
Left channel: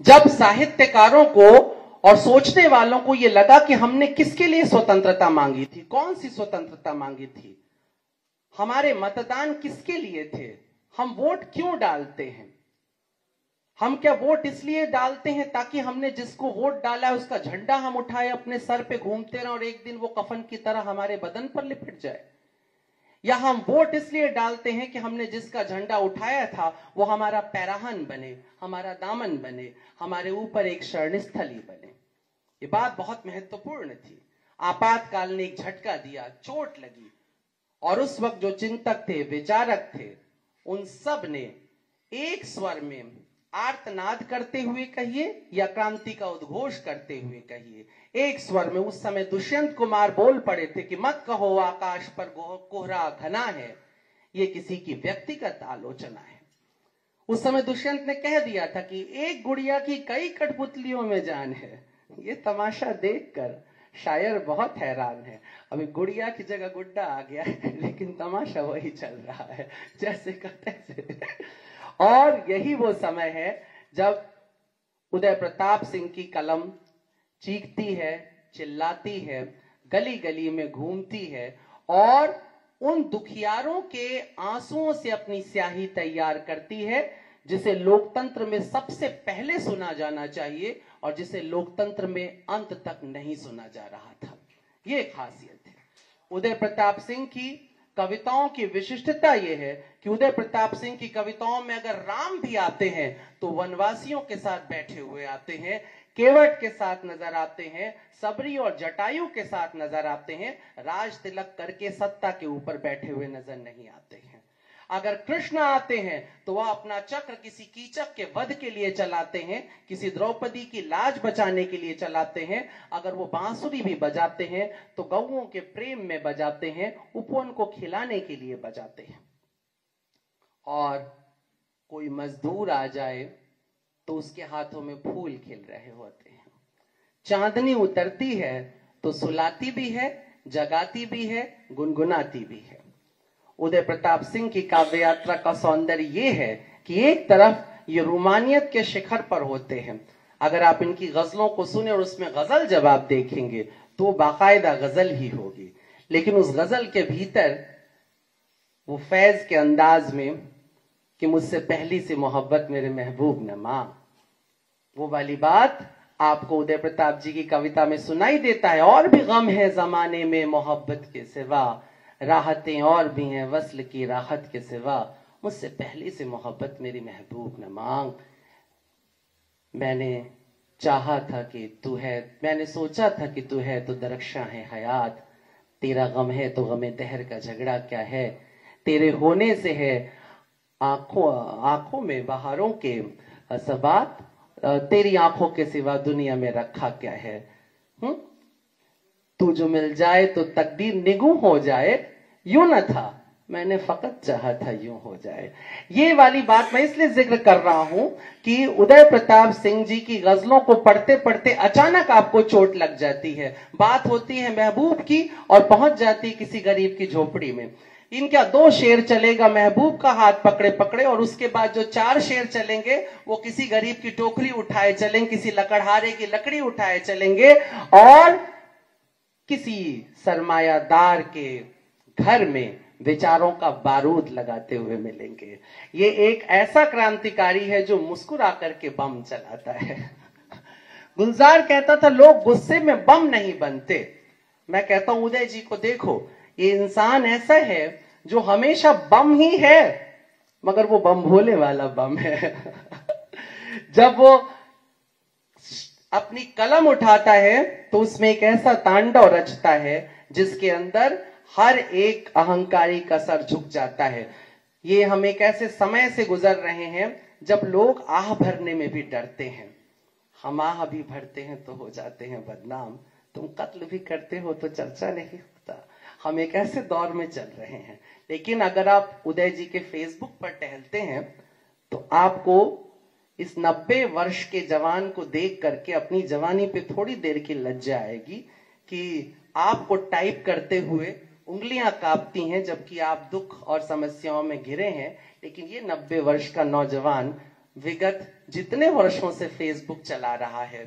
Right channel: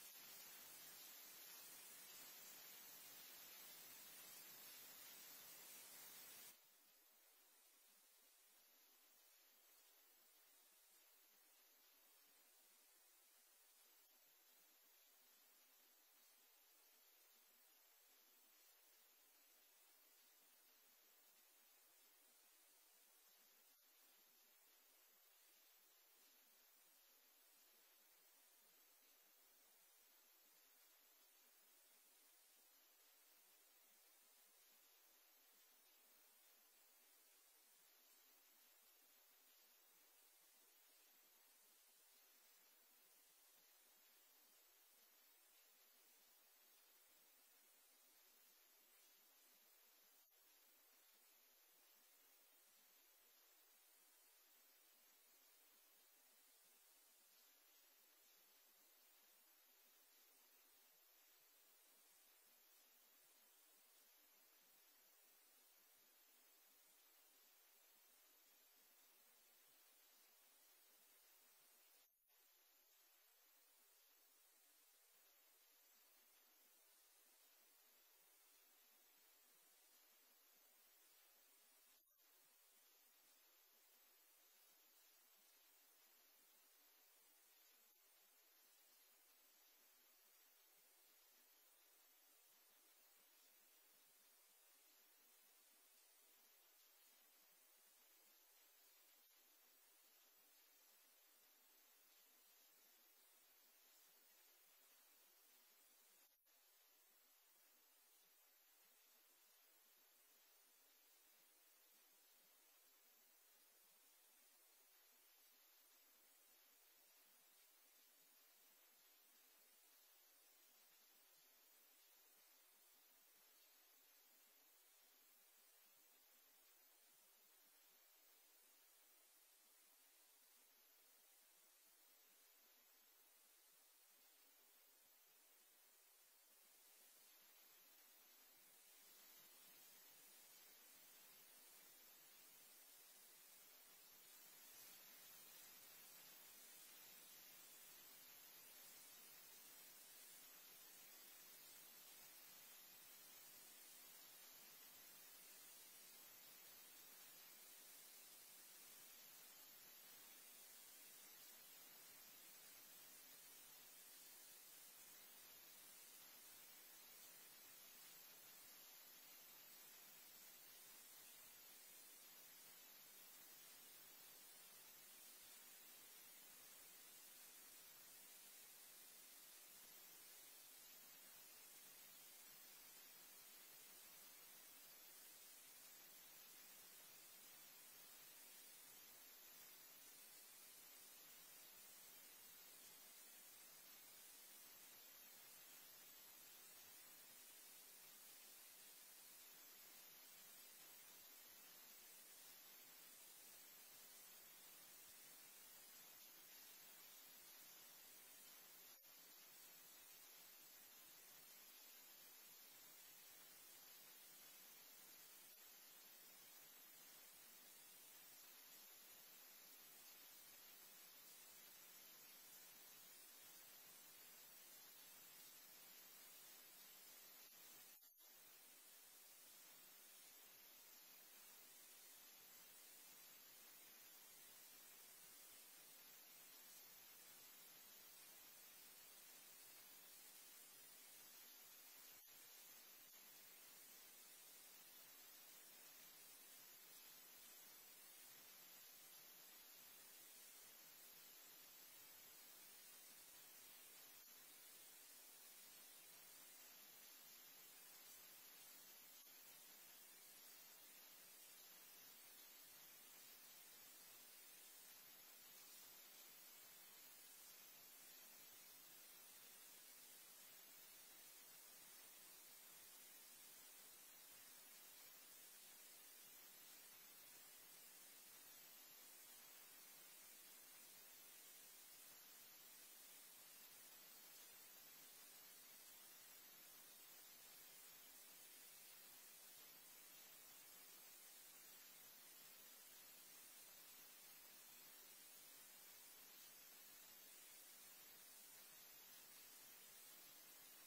जब साहित्यकारों को और सोचने वालों को यह लगा कि हमने किसके लिए स्वतंत्रता मांगी थी, कौन सी स्वतंत्रता मांगी थी, हमारे मतदान किसके लिए थे, हम वोट क्यों डालते हैं। हम क्या वोट इसलिए डालते हैं ताकि हमने जिसको वोट डाला है उसका झंडा हम उठाए अपने सर पे घूमते रहे और एक दिन वो कफन की तरह हमारे बदन पर लिपट जाए, या हम वोट इसलिए डालते हैं कि हमने जिसका झंडा उठाया था वो हमारा पैराहन बने, हमारा दामन बने, हमारे ऊपर एक शरणस्थली बने। ये बात बहुत महत्वपूर्ण थी। आपातकाल ने एक झटका दिया, चोट लगी, और उस वक्त जो चिंतक थे, विचारक थे, उन सब ने एक स्वर में आर्तनाद करते हुए कहिए या क्रांति का उद्घोष करते हुए कहिए, एक स्वर में उस समय दुष्यंत कुमार बोल पड़े थे कि मत कहो आकाश पर कोहरा घना है, ये किसी की व्यक्तिगत आलोचना है। उस समय दुष्यंत ने कह दिया था कि एक गुड़िया की कई कठपुतलियों में जान है। ये तमाशा देखकर शायर बहुत हैरान है, अभी गुड़िया की जगह गुड्डा आ गया है, लेकिन तमाशा वही चल रहा है जैसे का तैसे। और यही वो समय है जब उदय प्रताप सिंह की कलम चीखती है, चिल्लाती है, गली गली में घूमती है और उन दुखियारों के आंसुओं से अपनी स्याही तैयार करती है, जिसे लोकतंत्र में सबसे पहले सुना जाना चाहिए और जिसे लोकतंत्र में अंत तक नहीं सुना जा रहा था। ये खासियत है उदय प्रताप सिंह की कविताओं की। विशिष्टता यह है कि उदय प्रताप सिंह की कविताओं में अगर राम भी आते हैं तो वनवासियों के साथ बैठे हुए आते हैं, केवट के साथ नजर आते हैं, सबरी और जटायु के साथ नजर आते हैं, राज तिलक करके सत्ता के ऊपर बैठे हुए नजर नहीं आते हैं। अगर कृष्ण आते हैं तो वह अपना चक्र किसी कीचक के वध के लिए चलाते हैं, किसी द्रौपदी की लाज बचाने के लिए चलाते हैं। अगर वो बांसुरी भी बजाते हैं तो गौओं के प्रेम में बजाते हैं, उपवन को खिलाने के लिए बजाते हैं। और कोई मजदूर आ जाए तो उसके हाथों में फूल खिल रहे होते हैं। चांदनी उतरती है तो सुलाती भी है, जगाती भी है, गुनगुनाती भी है। उदय प्रताप सिंह की काव्य यात्रा का सौंदर्य ये है कि एक तरफ ये रोमानियत के शिखर पर होते हैं। अगर आप इनकी गजलों को सुने और उसमें गजल जब आप देखेंगे तो बाकायदा गजल ही होगी, लेकिन उस गजल के भीतर वो फैज के अंदाज में कि मुझसे पहली से मोहब्बत मेरे महबूब न मांग, वो वाली बात आपको उदय प्रताप जी की कविता में सुनाई देता है। और भी गम है जमाने में मोहब्बत के सिवा, राहतें और भी हैं वस्ल की राहत के सिवा, मुझसे पहली से मोहब्बत मेरी महबूब न मांग। मैंने चाहा था कि तू है, मैंने सोचा था कि तू है तो दरख्शां है हयात, तेरा गम है तो गमे दहर का झगड़ा क्या है, तेरे होने से है आंखों में बहारों के सबात, तेरी आंखों के सिवा दुनिया में रखा क्या है। तू जो मिल जाए तो तकदीर निगूं हो जाए, यूं न था मैंने फकत चाहा था यूं हो जाए। ये वाली बात मैं इसलिए जिक्र कर रहा हूं कि उदय प्रताप सिंह जी की गजलों को पढ़ते पढ़ते अचानक आपको चोट लग जाती है। बात होती है महबूब की और पहुंच जाती है किसी गरीब की झोपड़ी में। इनका 2 शेर चलेगा महबूब का हाथ पकड़े पकड़े, और उसके बाद जो 4 शेर चलेंगे वो किसी गरीब की टोकरी उठाए चलेंगे, किसी लकड़हारे की लकड़ी उठाए चलेंगे और किसी सरमायादार के घर में विचारों का बारूद लगाते हुए मिलेंगे। ये एक ऐसा क्रांतिकारी है जो मुस्कुरा करके बम चलाता है। गुलजार कहता था लोग गुस्से में बम नहीं बनते। मैं कहता हूं उदय जी को देखो, ये इंसान ऐसा है जो हमेशा बम ही है, मगर वो बम भोले वाला बम है। जब वो अपनी कलम उठाता है तो उसमें एक ऐसा तांडव रचता है जिसके अंदर हर एक अहंकारी का सर झुक जाता है। ये हम एक ऐसे समय से गुजर रहे हैं जब लोग आह भरने में भी डरते हैं। हम आह भी भरते हैं तो हो जाते हैं बदनाम, तुम कत्ल भी करते हो तो चर्चा नहीं होता। हम एक ऐसे दौर में चल रहे हैं। लेकिन अगर आप उदय जी के फेसबुक पर टहलते हैं तो आपको इस 90 वर्ष के जवान को देख करके अपनी जवानी पे थोड़ी देर की लज्जा आएगी कि आपको टाइप करते हुए उंगलियां कांपती हैं जबकि आप दुख और समस्याओं में घिरे हैं। लेकिन ये 90 वर्ष का नौजवान विगत जितने वर्षों से फेसबुक चला रहा है,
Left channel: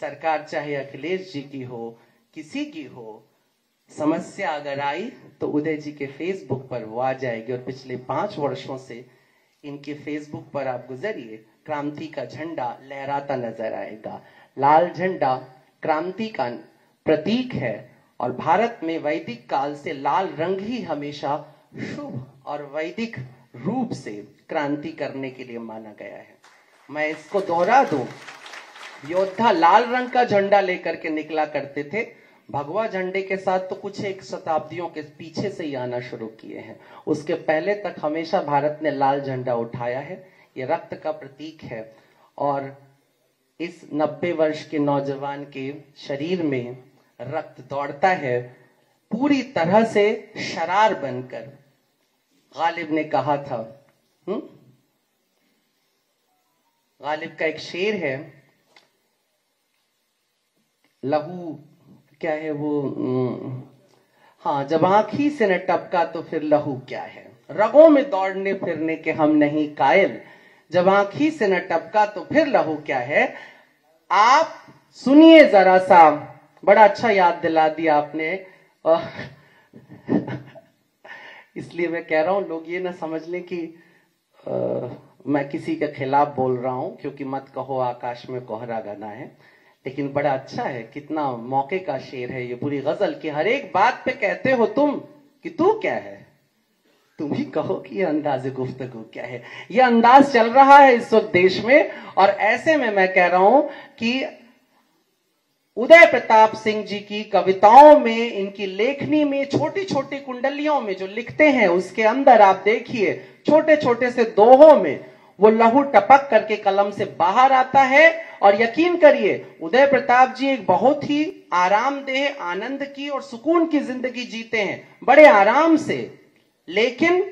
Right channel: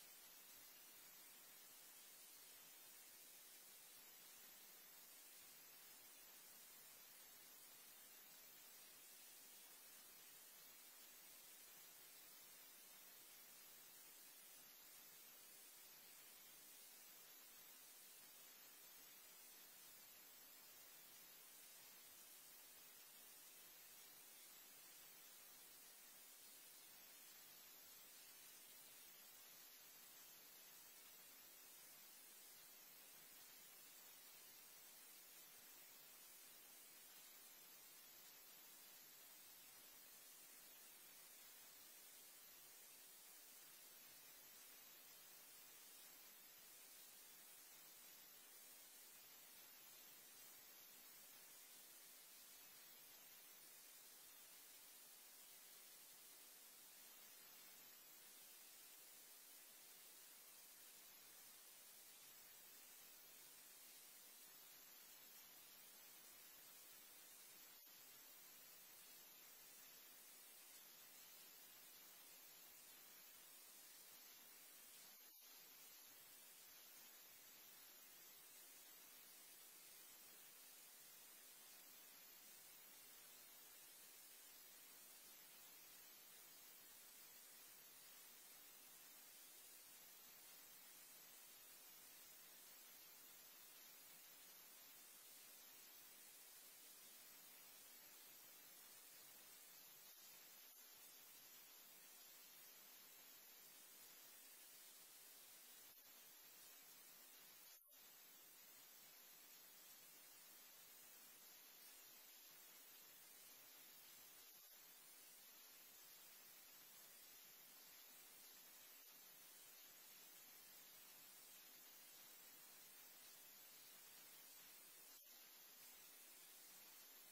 सरकार चाहे अखिलेश जी की हो, किसी की हो, समस्या अगर आई तो उदय जी के फेसबुक पर वो आ जाएगी। और पिछले 5 वर्षों से इनके फेसबुक पर आप गुजरिए, क्रांति का झंडा लहराता नजर आएगा। लाल झंडा क्रांति का प्रतीक है और भारत में वैदिक काल से लाल रंग ही हमेशा शुभ और वैदिक रूप से क्रांति करने के लिए माना गया है। मैं इसको दोहरा दूं, योद्धा लाल रंग का झंडा लेकर के निकला करते थे, भगवा झंडे के साथ तो कुछ एक शताब्दियों के पीछे से ही आना शुरू किए हैं। उसके पहले तक हमेशा भारत ने लाल झंडा उठाया है। ये रक्त का प्रतीक है और इस 90 वर्ष के नौजवान के शरीर में रक्त दौड़ता है पूरी तरह से शरार बनकर। गालिब ने कहा था, गालिब का एक शेर है, लहू क्या है वो, हाँ, जब आंखी से न टपका तो फिर लहू क्या है, रगों में दौड़ने फिरने के हम नहीं कायल, जब आंखी से न टपका तो फिर लहू क्या है। आप सुनिए जरा सा, बड़ा अच्छा याद दिला दिया आपने। इसलिए मैं कह रहा हूं लोग ये ना समझ लें कि मैं किसी के खिलाफ बोल रहा हूं, क्योंकि मत कहो आकाश में कोहरा गाना है, लेकिन बड़ा अच्छा है, कितना मौके का शेर है ये पूरी गजल की। हर एक बात पे कहते हो तुम कि तू क्या है, तुम ही कहो कि ये अंदाज़े गुफ्तगू क्या है। ये अंदाज चल रहा है इस वक्त देश में, और ऐसे में मैं कह रहा हूं कि उदय प्रताप सिंह जी की कविताओं में, इनकी लेखनी में, छोटी छोटी कुंडलियों में जो लिखते हैं उसके अंदर आप देखिए छोटे छोटे से दोहों में वो लहू टपक करके कलम से बाहर आता है। और यकीन करिए उदय प्रताप जी एक बहुत ही आरामदेह, आनंद की और सुकून की जिंदगी जीते हैं, बड़े आराम से, लेकिन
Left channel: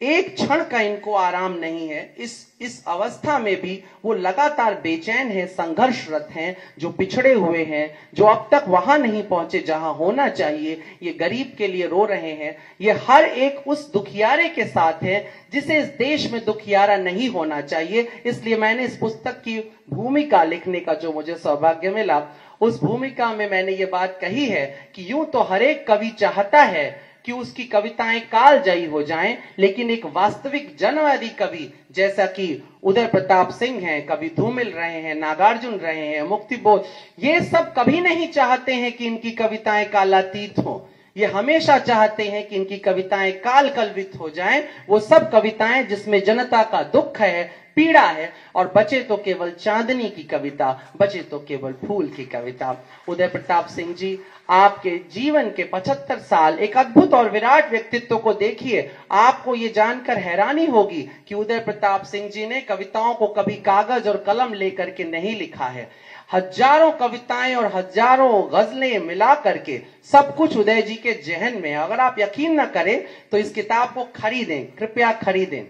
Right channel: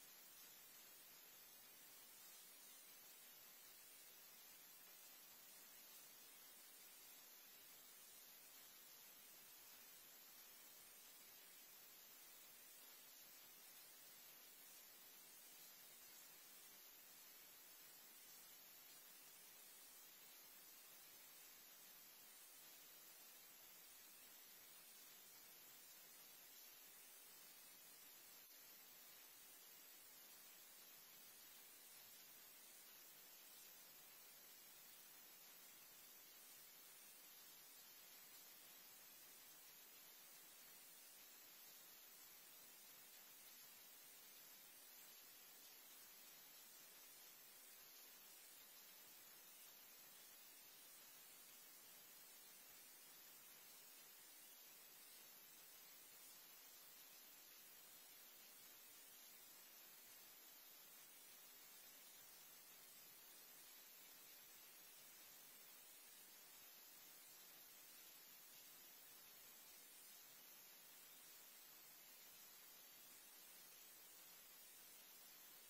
एक क्षण का इनको आराम नहीं है। इस अवस्था में भी वो लगातार बेचैन है, संघर्षरत हैं, जो पिछड़े हुए हैं, जो अब तक वहां नहीं पहुंचे जहां होना चाहिए, ये गरीब के लिए रो रहे हैं। ये हर एक उस दुखियारे के साथ है जिसे इस देश में दुखियारा नहीं होना चाहिए। इसलिए मैंने इस पुस्तक की भूमिका लिखने का जो मुझे सौभाग्य मिला, उस भूमिका में मैंने ये बात कही है कि यूं तो हर एक कवि चाहता है कि उसकी कविताएं कालजयी हो जाएं, लेकिन एक वास्तविक जनवादी कवि जैसा कि उदय प्रताप सिंह हैं, कवि धूमिल रहे हैं, नागार्जुन रहे हैं, मुक्तिबोध, ये सब कभी नहीं चाहते हैं कि इनकी कविताएं कालातीत हो। ये हमेशा चाहते हैं कि इनकी कविताएं काल कल्पित हो जाएं। वो सब कविताएं जिसमें जनता का दुख है, पीड़ा है, और बचे तो केवल चांदनी की कविता, बचे तो केवल फूल की कविता। उदय प्रताप सिंह जी, आपके जीवन के 75 साल एक अद्भुत और विराट व्यक्तित्व को देखिए। आपको ये जानकर हैरानी होगी कि उदय प्रताप सिंह जी ने कविताओं को कभी कागज और कलम लेकर के नहीं लिखा है। हजारों कविताएं और हजारों गजलें मिला करके सब कुछ उदय जी के जहन में है। अगर आप यकीन न करें तो इस किताब को खरीदें, कृपया खरीदें,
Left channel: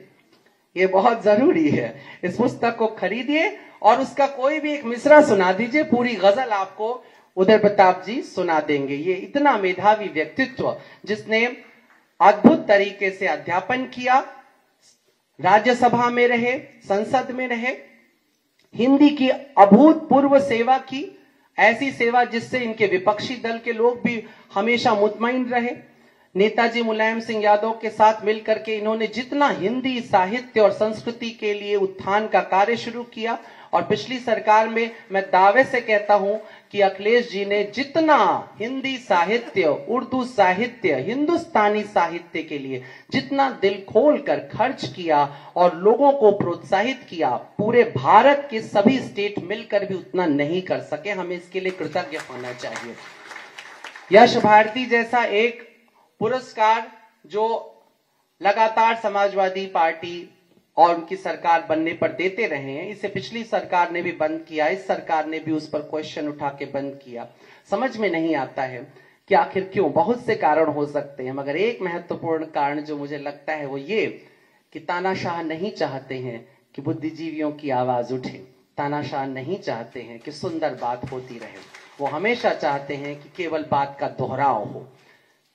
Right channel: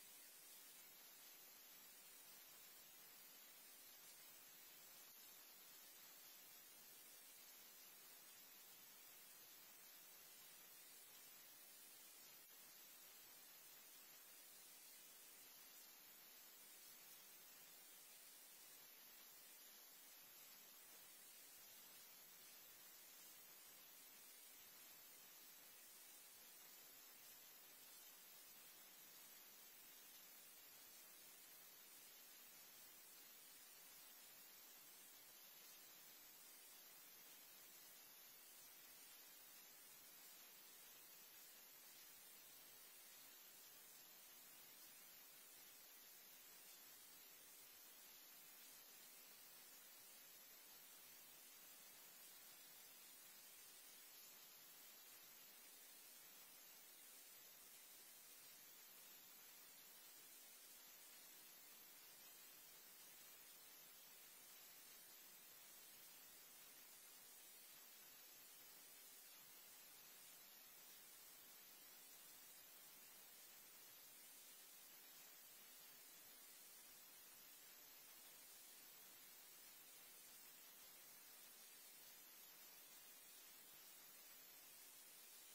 ये बहुत जरूरी है। इस पुस्तक को खरीदिए और उसका कोई भी एक मिसरा सुना दीजिए, पूरी गजल आपको उदय प्रताप जी सुना देंगे। ये इतना मेधावी व्यक्तित्व जिसने अद्भुत तरीके से अध्यापन किया, राज्यसभा में रहे, संसद में रहे, हिंदी की अभूतपूर्व सेवा की, ऐसी सेवा जिससे इनके विपक्षी दल के लोग भी हमेशा मुतमईन रहे। नेताजी मुलायम सिंह यादव के साथ मिलकर के इन्होंने जितना हिंदी साहित्य और संस्कृति के लिए उत्थान का कार्य शुरू किया, और पिछली सरकार में मैं दावे से कहता हूं कि अखिलेश जी ने जितना हिंदी साहित्य, उर्दू साहित्य, हिंदुस्तानी साहित्य के लिए जितना दिल खोल कर खर्च किया और लोगों को प्रोत्साहित किया, पूरे भारत के सभी स्टेट मिलकर भी उतना नहीं कर सके। हमें इसके लिए कृतज्ञ होना चाहिए। यश भारती जैसा एक पुरस्कार जो लगातार समाजवादी पार्टी और उनकी सरकार बनने पर देते रहे हैं, इसे पिछली सरकार ने भी बंद किया, इस सरकार ने भी उस पर क्वेश्चन उठा के बंद किया। समझ में नहीं आता है कि आखिर क्यों। बहुत से कारण हो सकते हैं, मगर एक महत्वपूर्ण कारण जो मुझे लगता है वो ये कि तानाशाह नहीं चाहते हैं कि बुद्धिजीवियों की आवाज उठे, तानाशाह नहीं चाहते हैं कि सुंदर बात होती रहे, वो हमेशा चाहते हैं कि केवल बात का दोहराव हो।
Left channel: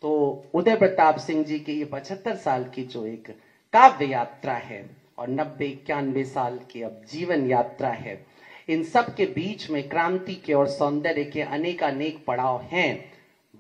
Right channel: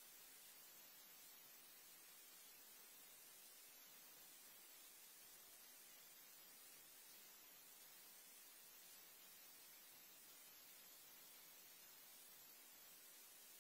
तो उदय प्रताप सिंह जी की ये 75 साल की जो एक काव्य यात्रा है और 90-91 साल की अब जीवन यात्रा है, इन सब के बीच में क्रांति के और सौंदर्य के अनेक पड़ाव हैं,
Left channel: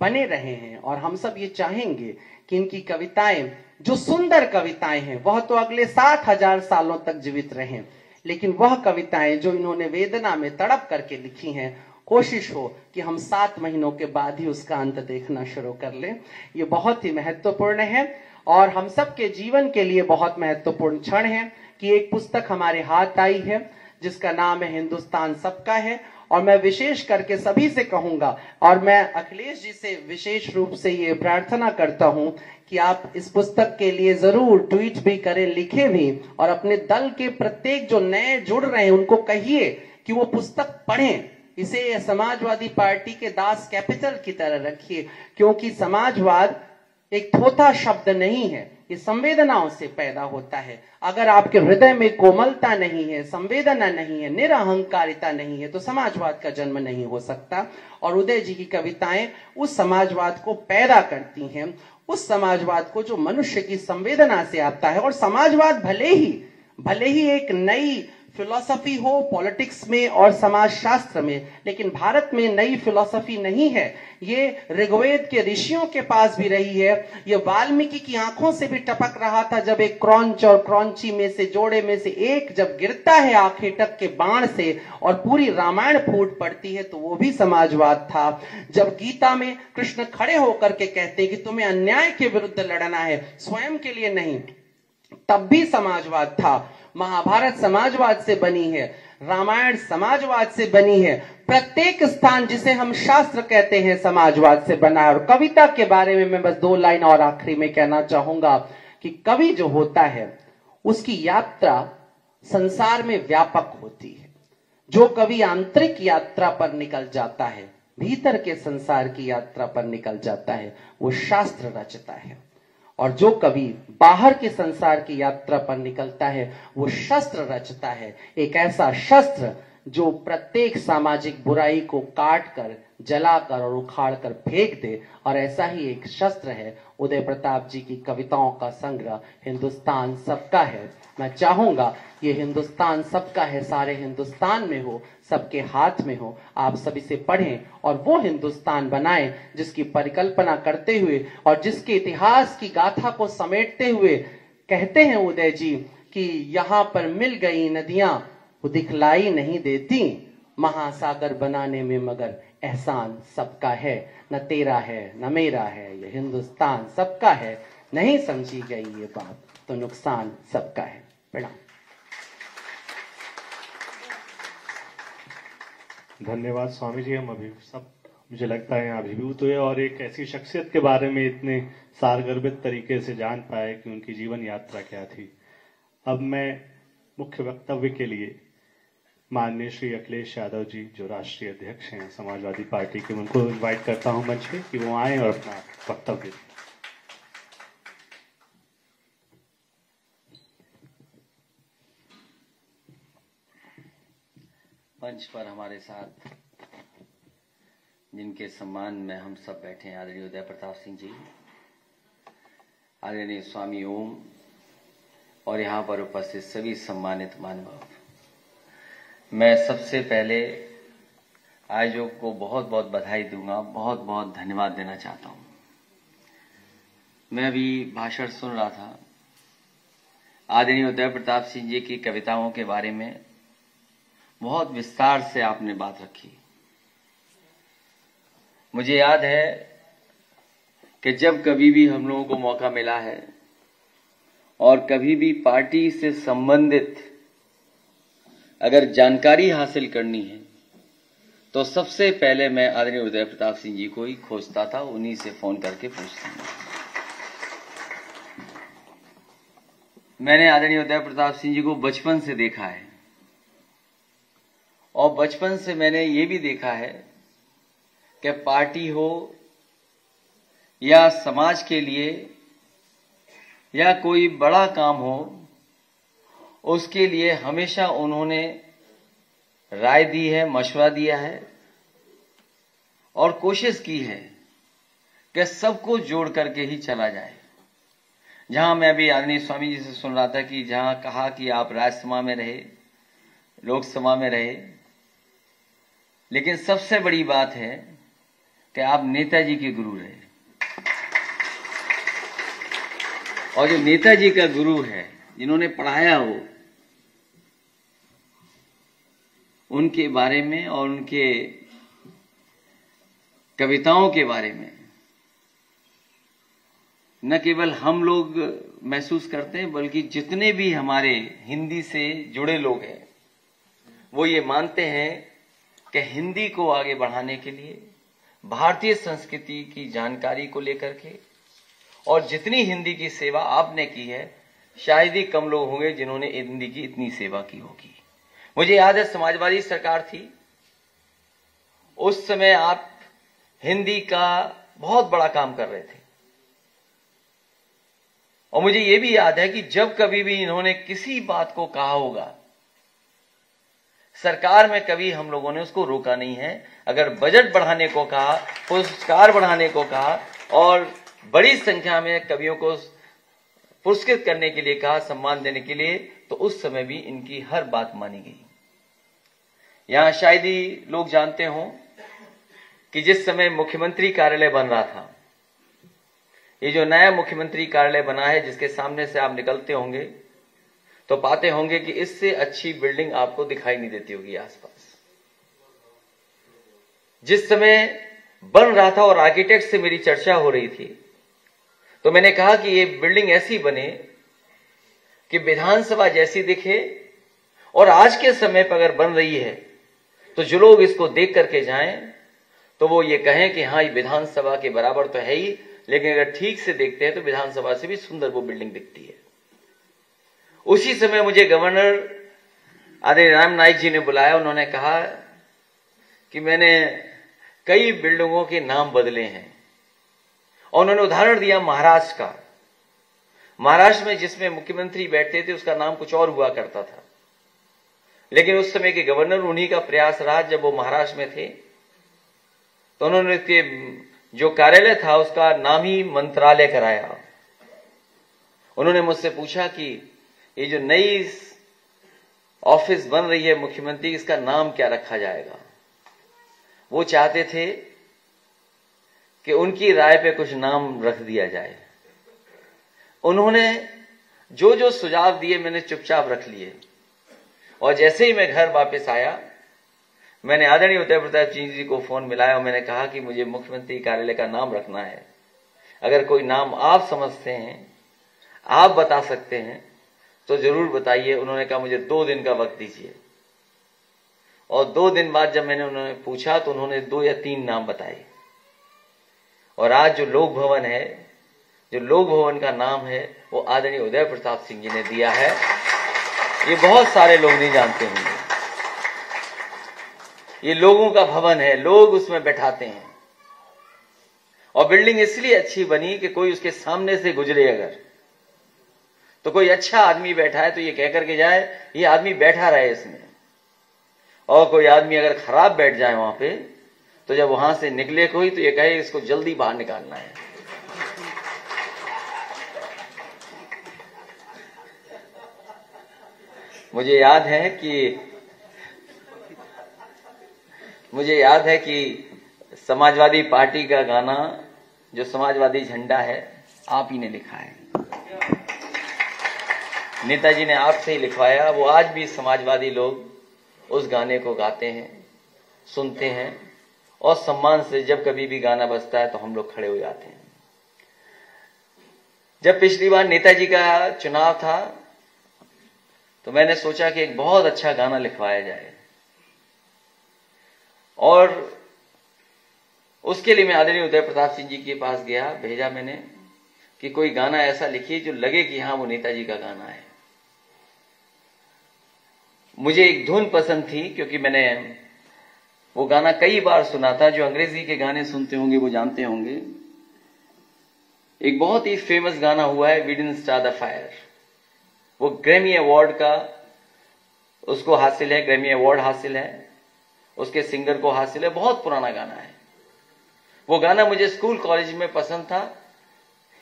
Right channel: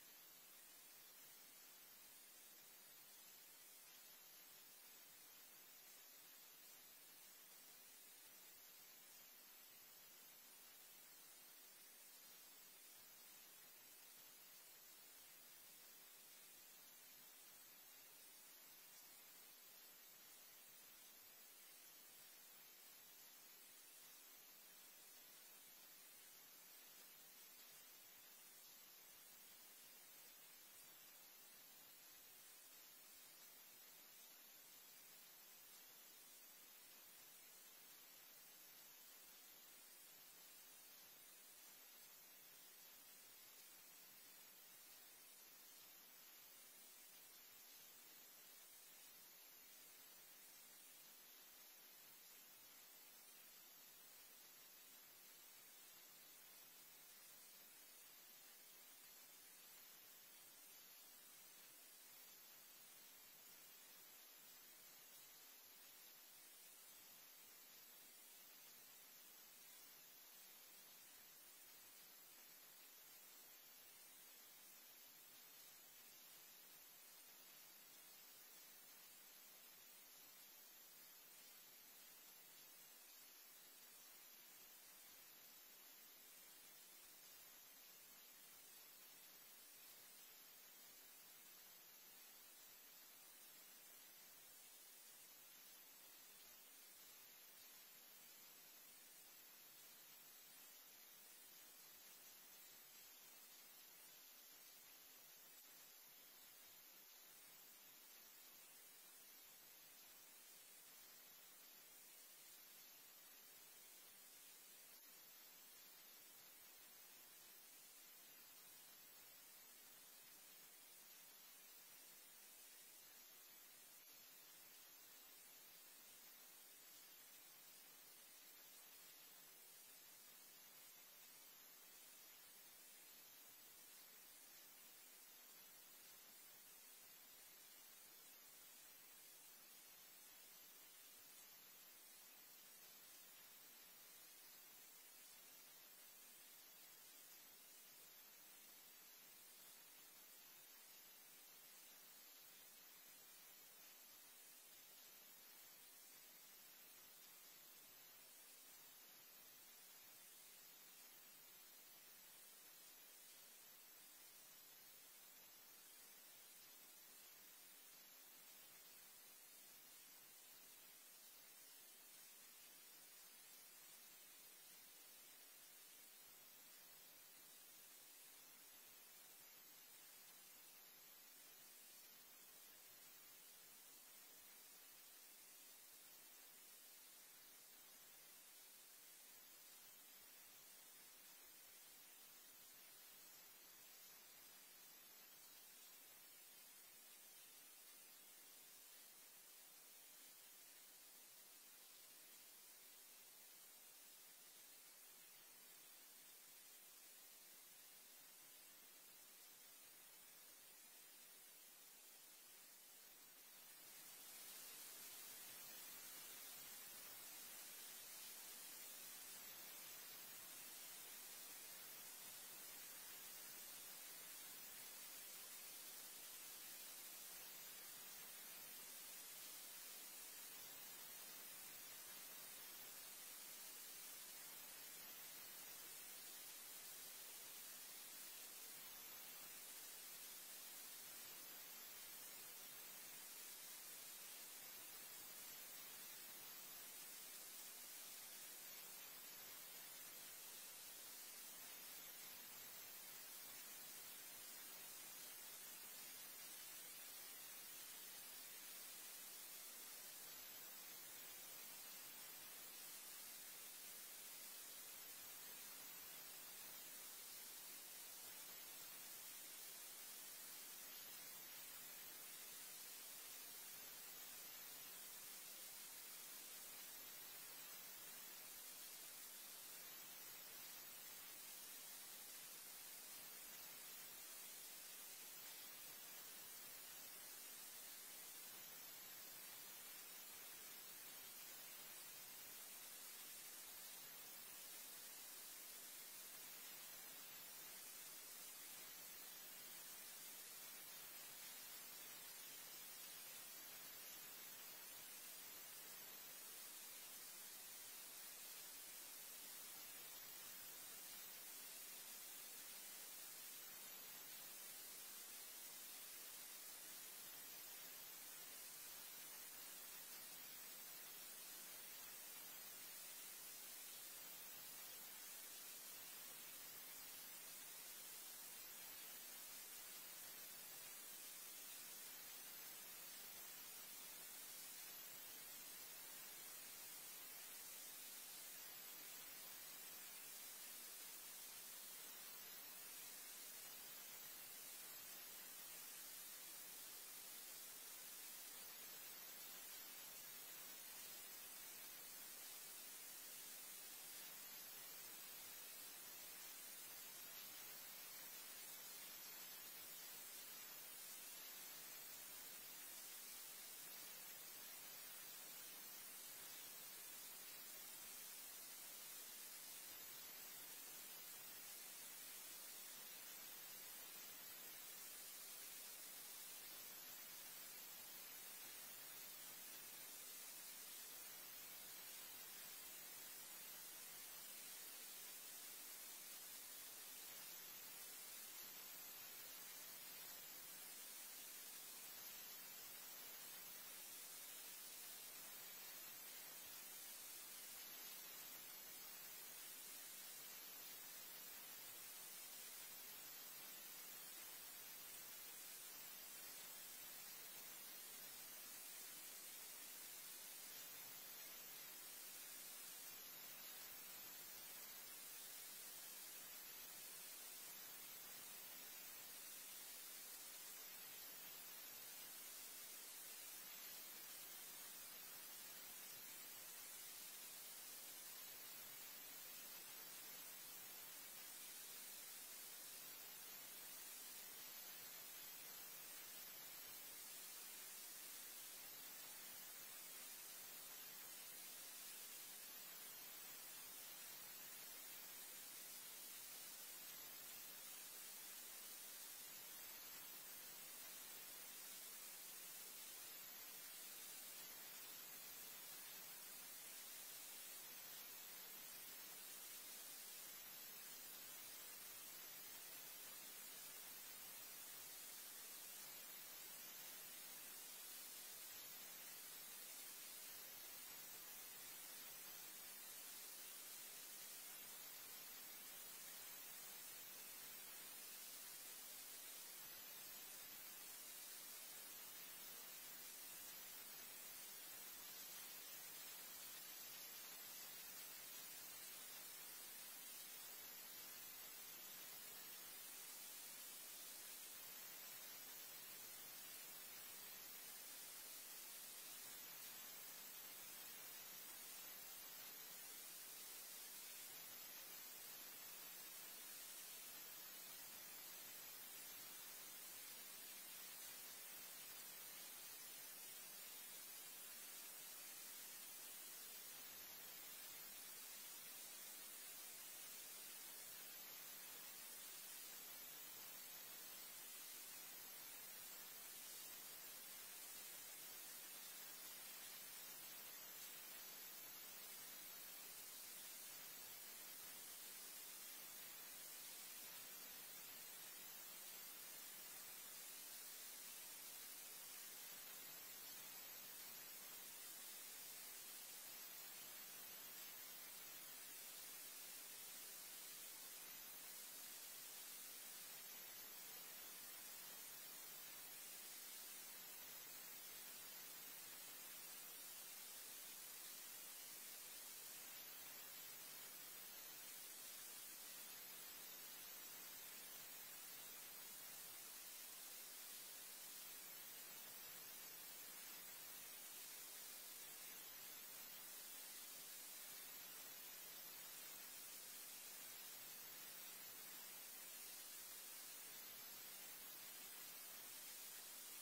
बने रहे हैं। और हम सब ये चाहेंगे कि इनकी कविताएं, जो सुंदर कविताएं हैं, वह तो अगले 60,000 सालों तक जीवित रहें, लेकिन वह कविताएं जो इन्होंने वेदना में तड़प करके लिखी हैं, कोशिश हो कि हम 7 महीनों के बाद ही उसका अंत देखना शुरू कर लें। ये बहुत ही महत्वपूर्ण है और हम सबके जीवन के लिए बहुत महत्वपूर्ण क्षण है कि एक पुस्तक हमारे हाथ आई है जिसका नाम है हिंदुस्तान सबका है। और मैं विशेष करके सभी से कहूंगा, और मैं अखिलेश जी से विशेष रूप से ये प्रार्थना करता हूं कि आप इस पुस्तक के लिए जरूर ट्वीट भी करें, लिखें भी, और अपने दल के प्रत्येक जो नए जुड़ रहे हैं उनको कहिए कि वो पुस्तक पढ़ें। इसे समाजवादी पार्टी के दास कैपिटल की तरह रखिए, क्योंकि समाजवाद एक थोथा शब्द नहीं है, ये संवेदनाओं से पैदा होता है। अगर आपके हृदय में कोमलता नहीं है, संवेदना नहीं है, निरअहंकारिता नहीं है, तो समाजवाद का जन्म नहीं हो सकता। और उदय जी की कविताएं उस समाजवाद को पैदा करती हैं, उस समाजवाद को जो मनुष्य की संवेदना से आता है। और समाजवाद भले ही एक नई फिलॉसफी हो पॉलिटिक्स में और समाजशास्त्र में, लेकिन भारत में नई फिलॉसफी नहीं है। ये ऋग्वेद के ऋषियों के पास भी रही है। ये वाल्मीकि की आंखों से भी टपक रहा था जब एक क्रौंच और क्रौंची में से जोड़े में से एक जब गिरता है आखेटक के बाण से और पूरी रामायण फूट पड़ती है, तो वो भी समाजवाद था। जब गीता में कृष्ण खड़े होकर के कहते हैं कि तुम्हें अन्याय के विरुद्ध लड़ना है, स्वयं के लिए नहीं, तब भी समाजवाद था। महाभारत समाजवाद से बनी है, रामायण समाजवाद से बनी है। प्रत्येक स्थान जिसे हम शास्त्र कहते हैं समाजवाद से बना है। और कविता के बारे में मैं बस 2 लाइन और आखिरी में कहना चाहूंगा कि कवि जो होता है उसकी यात्रा संसार में व्यापक होती है। जो कवि आंतरिक यात्रा पर निकल जाता है, भीतर के संसार की यात्रा पर निकल जाता है, वो शास्त्र रचता है। और जो कवि बाहर के संसार की यात्रा पर निकलता है, वो शस्त्र रचता है। एक ऐसा शस्त्र जो प्रत्येक सामाजिक बुराई को काट कर, जलाकर और उखाड़ कर फेंक दे। और ऐसा ही एक शस्त्र है उदय प्रताप जी की कविताओं का संग्रह हिंदुस्तान सबका है। मैं चाहूंगा ये हिंदुस्तान सबका है सारे हिंदुस्तान में हो, सबके हाथ में हो। आप सभी से पढ़ें और वो हिंदुस्तान बनाएं जिसकी परिकल्पना करते हुए और जिसके इतिहास की गाथा को समेटते हुए कहते हैं उदय जी कि यहाँ पर मिल गई नदियां वो दिखलाई नहीं देती, महासागर बनाने में मगर एहसान सबका है। न तेरा है न मेरा है, ये हिंदुस्तान सबका है। नहीं समझी गई ये बात तो नुकसान सबका है। प्रणाम। धन्यवाद स्वामी जी। हम अभी सब, मुझे लगता है, यहाँ अभिभूत हुए और एक ऐसी शख्सियत के बारे में इतने सारगर्भित तरीके से जान पाए कि उनकी जीवन यात्रा क्या थी। अब मैं मुख्य वक्तव्य के लिए माननीय श्री अखिलेश यादव जी, जो राष्ट्रीय अध्यक्ष हैं समाजवादी पार्टी के, उनको इनवाइट करता हूं मंच पे कि वो आए और अपना वक्तव्य दें। मंच पर हमारे साथ जिनके सम्मान में हम सब बैठे हैं, आदरणीय उदय प्रताप सिंह जी, आदरणीय स्वामी ओम और यहाँ पर उपस्थित सभी सम्मानित महानुभाव, मैं सबसे पहले आयोजक को बहुत बहुत बधाई दूंगा, बहुत बहुत धन्यवाद देना चाहता हूँ। मैं अभी भाषण सुन रहा था, आदरणीय उदय प्रताप सिंह जी की कविताओं के बारे में बहुत विस्तार से आपने बात रखी। मुझे याद है कि जब कभी भी हम लोगों को मौका मिला है और कभी भी पार्टी से संबंधित अगर जानकारी हासिल करनी है तो सबसे पहले मैं आदरणीय उदय प्रताप सिंह जी को ही खोजता था, उन्हीं से फोन करके पूछता था। मैंने आदरणीय उदय प्रताप सिंह जी को बचपन से देखा है और बचपन से मैंने ये भी देखा है कि पार्टी हो या समाज के लिए या कोई बड़ा काम हो, उसके लिए हमेशा उन्होंने राय दी है, मशवरा दिया है और कोशिश की है कि सबको जोड़ करके ही चला जाए। जहां मैं अभी आदरणीय स्वामी जी से सुन रहा था कि जहां कहा कि आप राज्यसभा में रहे, लोकसभा में रहे, लेकिन सबसे बड़ी बात है कि आप नेताजी के गुरु रहे। और जो नेताजी का गुरु है, जिन्होंने पढ़ाया हो, उनके बारे में और उनके कविताओं के बारे में न केवल हम लोग महसूस करते हैं, बल्कि जितने भी हमारे हिंदी से जुड़े लोग हैं वो ये मानते हैं कि हिंदी को आगे बढ़ाने के लिए, भारतीय संस्कृति की जानकारी को लेकर के, और जितनी हिंदी की सेवा आपने की है, शायद ही कम लोग होंगे जिन्होंने हिंदी की इतनी सेवा की होगी। मुझे याद है समाजवादी सरकार थी, उस समय आप हिंदी का बहुत बड़ा काम कर रहे थे और मुझे ये भी याद है कि जब कभी भी इन्होंने किसी बात को कहा होगा, सरकार में कभी हम लोगों ने उसको रोका नहीं है। अगर बजट बढ़ाने को कहा, पुरस्कार बढ़ाने को कहा और बड़ी संख्या में कवियों को पुरस्कृत करने के लिए कहा, सम्मान देने के लिए, तो उस समय भी इनकी हर बात मानी गई। यहां शायद ही लोग जानते हो कि जिस समय मुख्यमंत्री कार्यालय बन रहा था, ये जो नया मुख्यमंत्री कार्यालय बना है, जिसके सामने से आप निकलते होंगे तो पाते होंगे कि इससे अच्छी बिल्डिंग आपको दिखाई नहीं देती होगी आसपास। जिस समय बन रहा था और आर्किटेक्ट से मेरी चर्चा हो रही थी, तो मैंने कहा कि ये बिल्डिंग ऐसी बने कि विधानसभा जैसी दिखे, और आज के समय पर अगर बन रही है तो जो लोग इसको देख करके जाएं तो वो ये कहें कि हाँ, ये विधानसभा के बराबर तो है ही, लेकिन अगर ठीक से देखते हैं तो विधानसभा से भी सुंदर वो बिल्डिंग दिखती है। उसी समय मुझे गवर्नर आदरणीय राम नाईक जी ने बुलाया। उन्होंने कहा कि मैंने कई बिल्डिंगों के नाम बदले हैं, और उन्होंने उदाहरण दिया महाराष्ट्र का। महाराष्ट्र में जिसमें मुख्यमंत्री बैठते थे उसका नाम कुछ और हुआ करता था, लेकिन उस समय के गवर्नर, उन्हीं का प्रयास रहा, जब वो महाराष्ट्र में थे तो उन्होंने उसके जो कार्यालय था उसका नाम ही मंत्रालय कराया। उन्होंने मुझसे पूछा कि ये जो नई ऑफिस बन रही है मुख्यमंत्री, इसका नाम क्या रखा जाएगा। वो चाहते थे कि उनकी राय पे कुछ नाम रख दिया जाए। उन्होंने जो जो सुझाव दिए मैंने चुपचाप रख लिए, और जैसे ही मैं घर वापस आया, मैंने आदरणीय उदय प्रताप सिंह जी को फोन मिलाया और मैंने कहा कि मुझे मुख्यमंत्री कार्यालय का नाम रखना है। अगर कोई नाम आप समझते हैं, आप बता सकते हैं तो जरूर बताइए। उन्होंने कहा मुझे 2 दिन का वक्त दीजिए, और 2 दिन बाद जब मैंने उन्होंने पूछा तो उन्होंने 2 या 3 नाम बताए। और आज जो लोक भवन है, जो लोक भवन का नाम है, वो आदरणीय उदय प्रताप सिंह जी ने दिया है। ये बहुत सारे लोग नहीं जानते होंगे। ये लोगों का भवन है, लोग उसमें बैठाते हैं, और बिल्डिंग इसलिए अच्छी बनी कि कोई उसके सामने से गुजरे अगर, तो कोई अच्छा आदमी बैठा है तो ये कह करके जाए ये आदमी बैठा रहे इसमें। और कोई आदमी अगर खराब बैठ जाए वहां पे, तो जब वहां से निकले कोई तो ये कहे इसको जल्दी बाहर निकालना है। मुझे याद है कि समाजवादी पार्टी का गाना, जो समाजवादी झंडा है, आप ही ने लिखा है। नेताजी ने आपसे ही लिखवाया। वो आज भी समाजवादी लोग उस गाने को गाते हैं, सुनते हैं, और सम्मान से जब कभी भी गाना बजता है तो हम लोग खड़े हो जाते हैं। जब पिछली बार नेताजी का चुनाव था तो मैंने सोचा कि एक बहुत अच्छा गाना लिखवाया जाए, और उसके लिए मैं आदरणीय उदय प्रताप सिंह जी के पास गया, भेजा मैंने कि कोई गाना ऐसा लिखिए जो लगे कि हाँ वो नेताजी का गाना है। मुझे एक धुन पसंद थी, क्योंकि मैंने वो गाना कई बार सुना था। जो अंग्रेजी के गाने सुनते होंगे वो जानते होंगे। एक बहुत ही फेमस गाना हुआ है, we didn't start the fire. वो ग्रैमी अवार्ड का उसको हासिल है, ग्रैमी अवार्ड हासिल है, उसके सिंगर को हासिल है। बहुत पुराना गाना है। वो गाना मुझे स्कूल कॉलेज में पसंद था,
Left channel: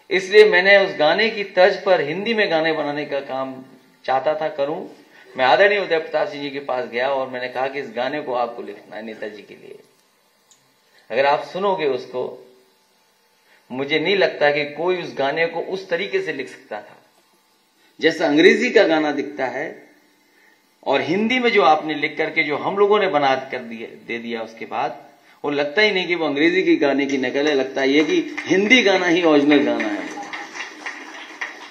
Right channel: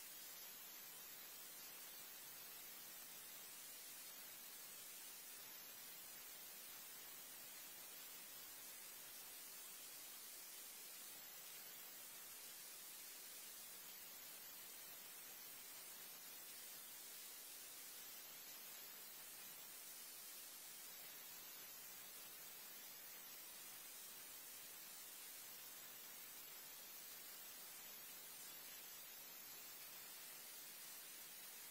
इसलिए मैंने उस गाने की तर्ज पर हिंदी में गाने बनाने का काम चाहता था करूं। मैं आदरणीय उदय प्रताप सिंह जी के पास गया और मैंने कहा कि इस गाने को आपको लिखना है नेताजी के लिए। अगर आप सुनोगे उसको, मुझे नहीं लगता कि कोई उस गाने को उस तरीके से लिख सकता था जैसा अंग्रेजी का गाना दिखता है, और हिंदी में जो आपने लिख करके जो हम लोगों ने बना कर दे दिया उसके बाद, वो लगता ही नहीं कि वो अंग्रेजी के गाने की नकल है, लगता ये कि हिंदी गाना ही ओरिजिनल गाना है।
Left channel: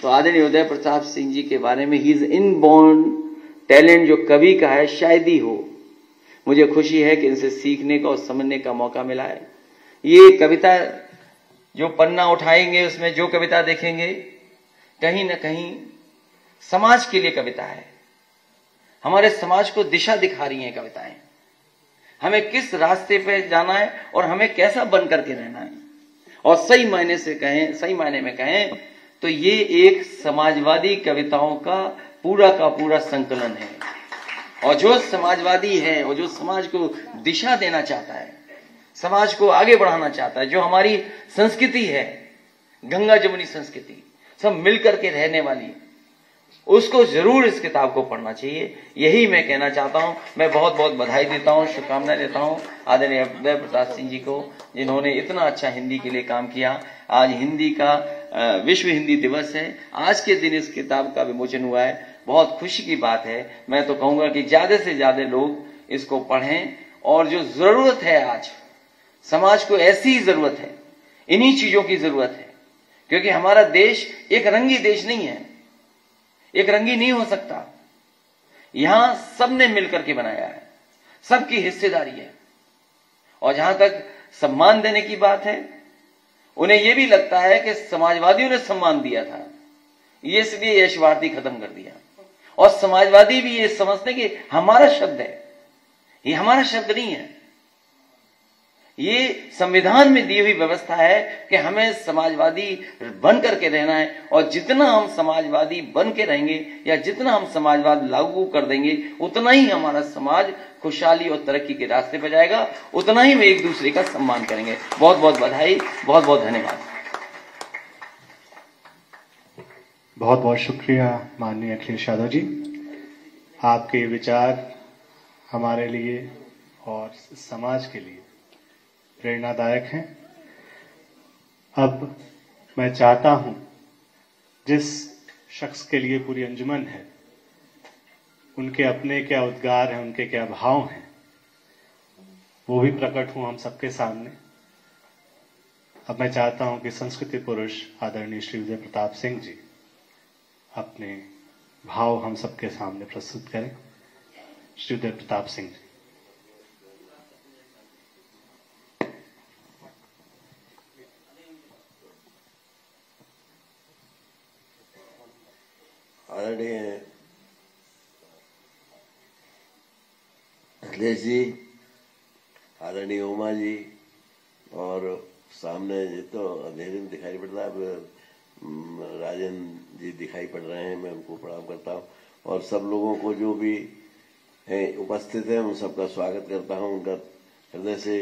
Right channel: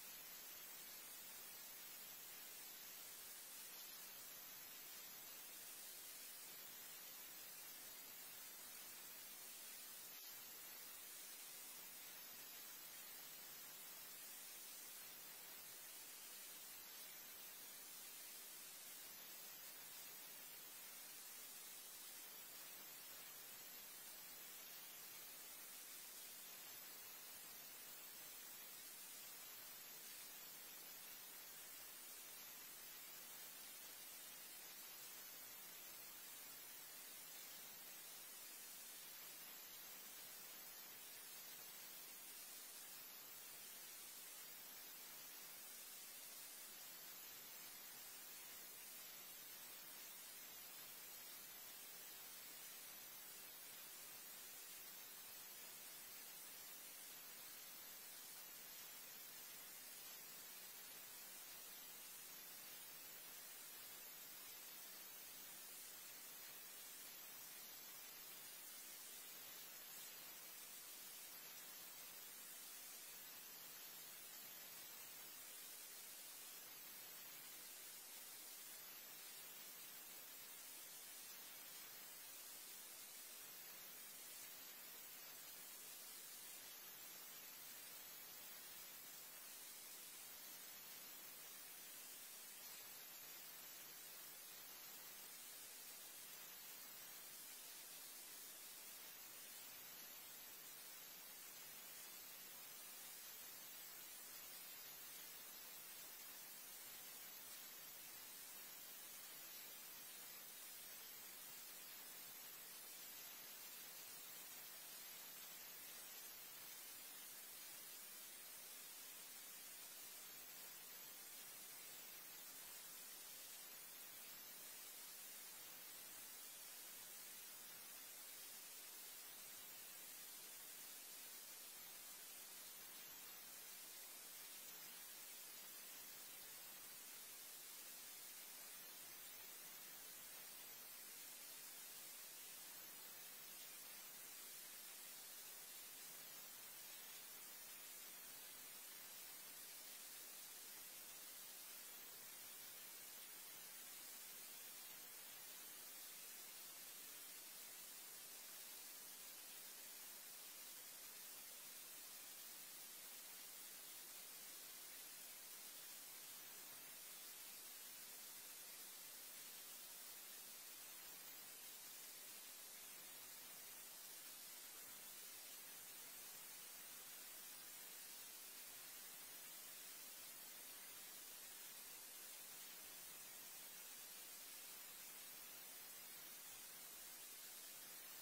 तो आदरणीय उदय प्रताप सिंह जी के बारे में, ही इज इनबॉर्न टैलेंट, जो कवि का है शायद ही हो। मुझे खुशी है कि इनसे सीखने का और समझने का मौका मिला है। ये कविता जो पन्ना उठाएंगे उसमें जो कविता देखेंगे, कहीं ना कहीं समाज के लिए कविता है। हमारे समाज को दिशा दिखा रही हैं कविताएं, हमें किस रास्ते पे जाना है और हमें कैसा बन करके रहना है। और सही मायने में कहें तो ये एक समाजवादी कविताओं का पूरा संकलन है। और जो समाजवादी है और जो समाज को दिशा देना चाहता है, समाज को आगे बढ़ाना चाहता है, जो हमारी संस्कृति है, गंगा जमुनी संस्कृति सब मिलकर के रहने वाली, उसको जरूर इस किताब को पढ़ना चाहिए। यही मैं कहना चाहता हूं। मैं बहुत बहुत बधाई देता हूं, शुभकामनाएं देता हूं आदरणीय उदय प्रताप सिंह जी को, जिन्होंने इतना अच्छा हिंदी के लिए काम किया। आज हिंदी का विश्व हिंदी दिवस है, आज के दिन इस किताब का विमोचन हुआ है, बहुत खुशी की बात है। मैं तो कहूंगा कि ज्यादा से ज्यादा लोग इसको पढ़ें, और जो जरूरत है आज समाज को, ऐसी जरूरत है, इन्हीं चीजों की जरूरत है, क्योंकि हमारा देश एक रंगी देश नहीं है, एक रंगी नहीं हो सकता। यहां सबने मिलकर के बनाया है, सबकी हिस्सेदारी है। और जहां तक सम्मान देने की बात है, उन्हें यह भी लगता है कि समाजवादियों ने सम्मान दिया था, ये इसलिए यशवार्थी खत्म कर दिया। और समाजवादी भी ये समझते कि हमारा शब्द है, ये हमारा शब्द नहीं है, ये संविधान में दी हुई व्यवस्था है कि हमें समाजवादी बन करके रहना है। और जितना हम समाजवादी बन के रहेंगे या जितना हम समाजवाद लागू कर देंगे, उतना ही हमारा समाज खुशहाली और तरक्की के रास्ते पर जाएगा, उतना ही हम एक दूसरे का सम्मान करेंगे। बहुत बहुत बधाई, बहुत बहुत धन्यवाद। बहुत बहुत शुक्रिया माननीय अखिलेश यादव जी। आपके विचार हमारे लिए और समाज के लिए प्रेरणादायक हैं। अब मैं चाहता हूं, जिस शख्स के लिए पूरी अंजुमन है, उनके अपने क्या उद्गार हैं, उनके क्या भाव हैं, वो भी प्रकट हों हम सबके सामने। अब मैं चाहता हूं कि संस्कृति पुरुष आदरणीय श्री उदय प्रताप सिंह जी अपने भाव हम सबके सामने प्रस्तुत करें। श्री उदय प्रताप सिंह जी। आदरणीय अखिलेश जी, आदरणीय उमा जी, और सामने ये तो अंधेरे में दिखाई पड़ रहा है, राजन जी दिखाई पड़ रहे हैं, मैं उनको प्रणाम करता हूँ। और सब लोगों को जो भी हैं उपस्थित हैं, उन सबका स्वागत करता हूँ, उनका हृदय से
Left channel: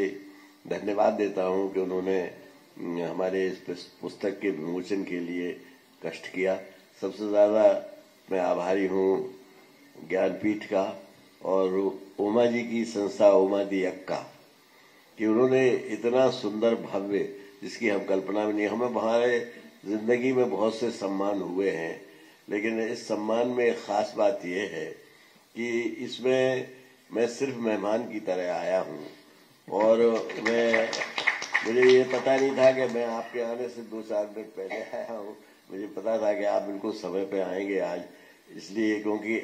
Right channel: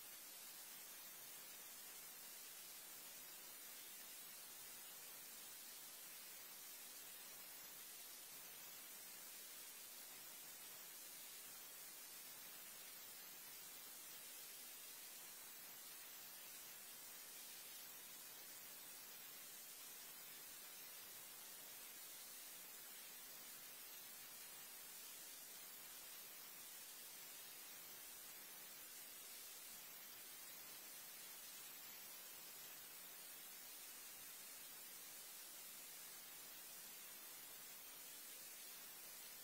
धन्यवाद देता हूँ कि उन्होंने हमारे इस पुस्तक के विमोचन के लिए कष्ट किया। सबसे ज़्यादा मैं आभारी हूँ ज्ञानपीठ का और उमा जी की संस्था उमा दी अक्का, कि उन्होंने इतना सुंदर भव्य, जिसकी हम कल्पना भी नहीं। हमें हमारे जिंदगी में बहुत से सम्मान हुए हैं, लेकिन इस सम्मान में एक ख़ास बात यह है कि इसमें मैं सिर्फ मेहमान की तरह आया हूँ। और मुझे ये पता नहीं था कि मैं आपके आने से 2-4 मिनट पहले आया हूँ। मुझे पता था कि आप बिल्कुल समय पे आएंगे आज, इसलिए क्योंकि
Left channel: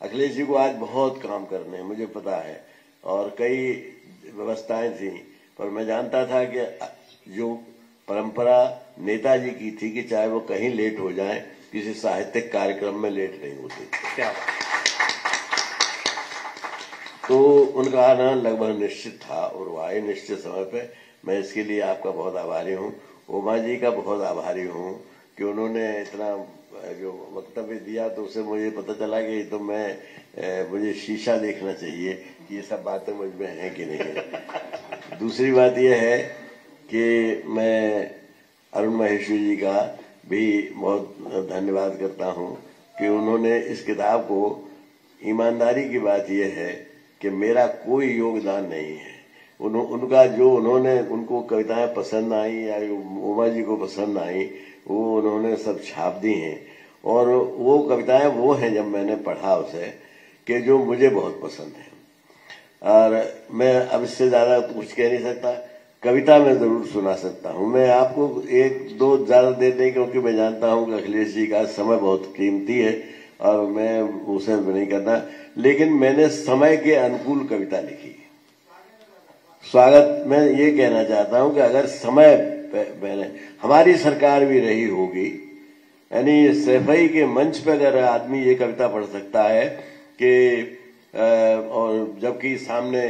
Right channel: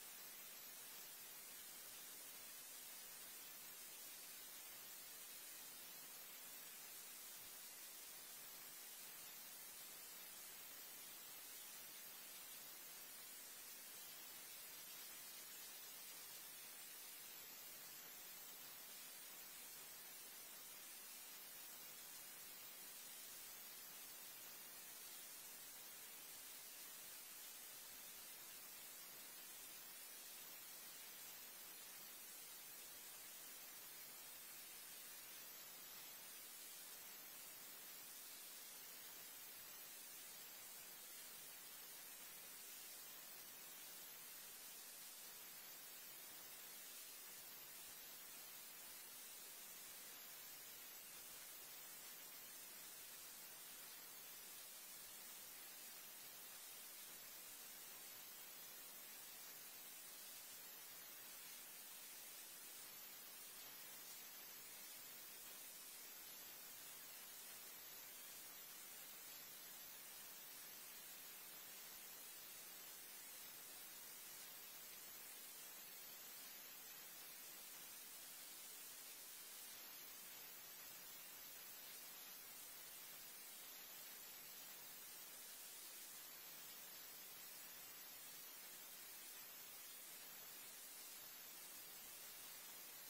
अखिलेश जी को आज बहुत काम करने हैं, मुझे पता है, और कई व्यवस्थाएं थी, पर मैं जानता था कि जो परंपरा नेताजी की थी कि चाहे वो कहीं लेट हो जाए, किसी साहित्यिक कार्यक्रम में लेट नहीं होते। क्या तो उनका आना लगभग निश्चित था और वो आए निश्चित समय पे। मैं इसके लिए आपका बहुत आभारी हूँ। उमा जी का बहुत आभारी हूँ कि उन्होंने इतना जो वक्तव्य दिया, तो उससे मुझे पता चला कि तो मुझे शीशा देखना चाहिए कि ये सब बातें मुझ में हैं कि नहीं है। दूसरी बात यह है कि मैं अरुण महेश्वरी जी का भी बहुत धन्यवाद करता हूँ कि उन्होंने इस किताब को, ईमानदारी की बात यह है कि मेरा कोई योगदान नहीं है, उनका जो उनको कविताएं पसंद आई या उमा जी को पसंद आई, वो उन्होंने सब छाप दी हैं। और वो कविताएं वो हैं, जब मैंने पढ़ा उसे, कि जो मुझे बहुत पसंद है। और मैं अब इससे ज़्यादा कुछ कह नहीं सकता। कविता मैं ज़रूर सुना सकता हूँ। मैं आपको 1-2 ज़्यादा देर नहीं, क्योंकि मैं जानता हूँ कि अखिलेश जी का समय बहुत कीमती है और मैं उसे नहीं करना, लेकिन मैंने समय के अनुकूल कविता लिखी। स्वागत मैं ये कहना चाहता हूँ कि अगर समय मैंने, हमारी सरकार भी रही होगी, यानी सफाई के मंच पर अगर आदमी ये कविता पढ़ सकता है कि और जबकि सामने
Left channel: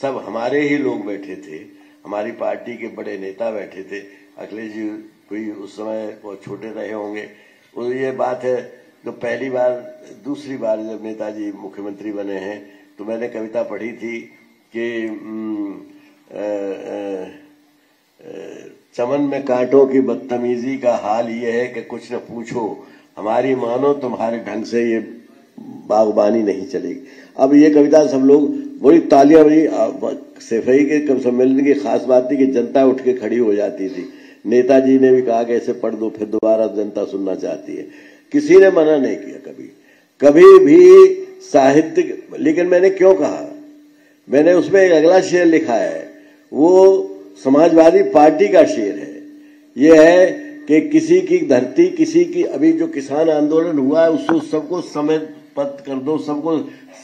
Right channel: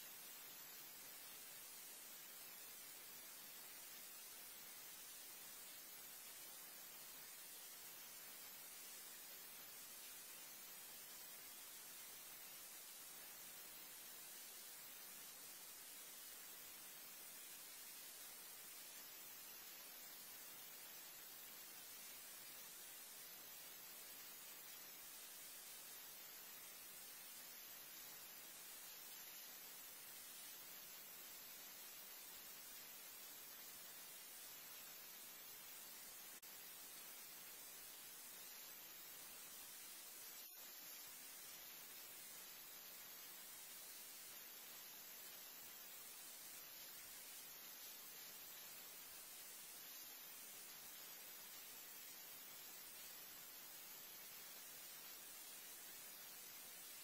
सब हमारे ही लोग बैठे थे, हमारी पार्टी के बड़े नेता बैठे थे, अखिलेश जी कोई उस समय बहुत छोटे रहे होंगे। और ये बात है तो पहली बार दूसरी बार जब नेताजी मुख्यमंत्री बने हैं तो मैंने कविता पढ़ी थी कि चमन में कांटों की बदतमीजी का हाल ये है कि कुछ न पूछो, हमारी मानो तुम्हारे ढंग से ये बागबानी नहीं चलेगी। अब ये कविता सब लोग बड़ी तालियां बजी। सफाई के सम्मेलन की खास बात थी कि जनता उठ के खड़ी हो जाती थी। नेताजी ने भी कहा कि ऐसे पढ़ दो, फिर दोबारा जनता सुनना चाहती है। किसी ने मना नहीं किया कभी भी साहित्य। लेकिन मैंने क्यों कहा, मैंने उसमें एक अगला शेर लिखा है, वो समाजवादी पार्टी का शेर है। ये है कि किसी की धरती, किसी की, अभी जो किसान आंदोलन हुआ है उसको सबको समयबद्ध कर दो, सबको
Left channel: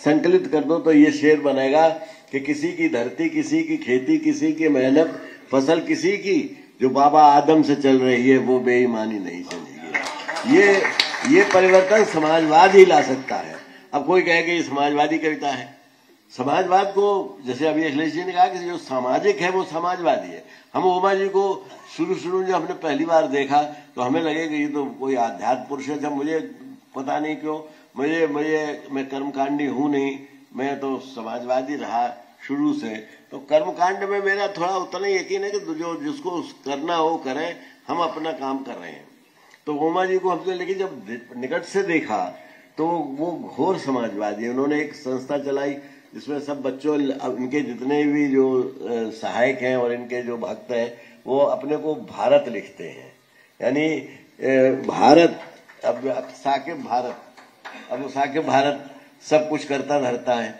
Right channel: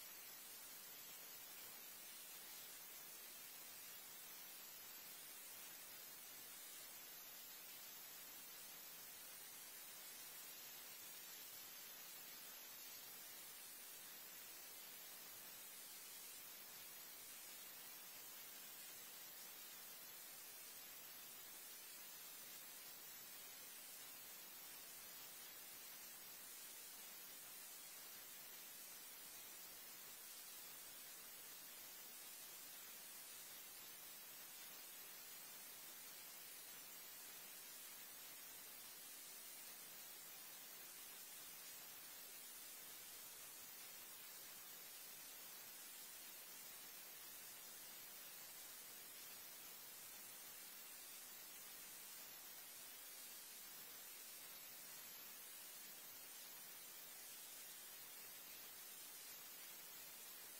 संकलित कर दो, तो ये शेर बनेगा कि किसी की धरती, किसी की खेती, किसी की मेहनत, फसल किसी की, जो बाबा आदम से चल रही है वो बेईमानी नहीं चलेगी। ये परिवर्तन समाजवाद ही ला सकता है। अब कोई कहे कि ये समाजवादी कविता है। समाजवाद को, जैसे अभी अखिलेश जी ने कहा कि जो सामाजिक है वो समाजवादी है। हम उमा जी को शुरू में जब हमने पहली बार देखा तो हमें लगे कि ये तो कोई आध्यात्म पुरुष है। जब मुझे पता नहीं क्यों, मैं कर्मकांडी हूँ नहीं, मैं तो समाजवादी रहा शुरू से। तो कर्मकांड में मेरा थोड़ा उतना यकीन है कि जो जिसको करना हो करें, हम अपना काम कर रहे हैं। तो उमा जी को हमने, लेकिन जब निकट से देखा तो वो घोर समाजवादी है। उन्होंने एक संस्था चलाई जिसमें सब बच्चों, इनके जितने भी जो सहायक हैं और इनके जो भक्त हैं वो अपने को भारत लिखते हैं, यानी भारत। अब साकिब भारत, अब साकिब भारत सब कुछ करता धरता है।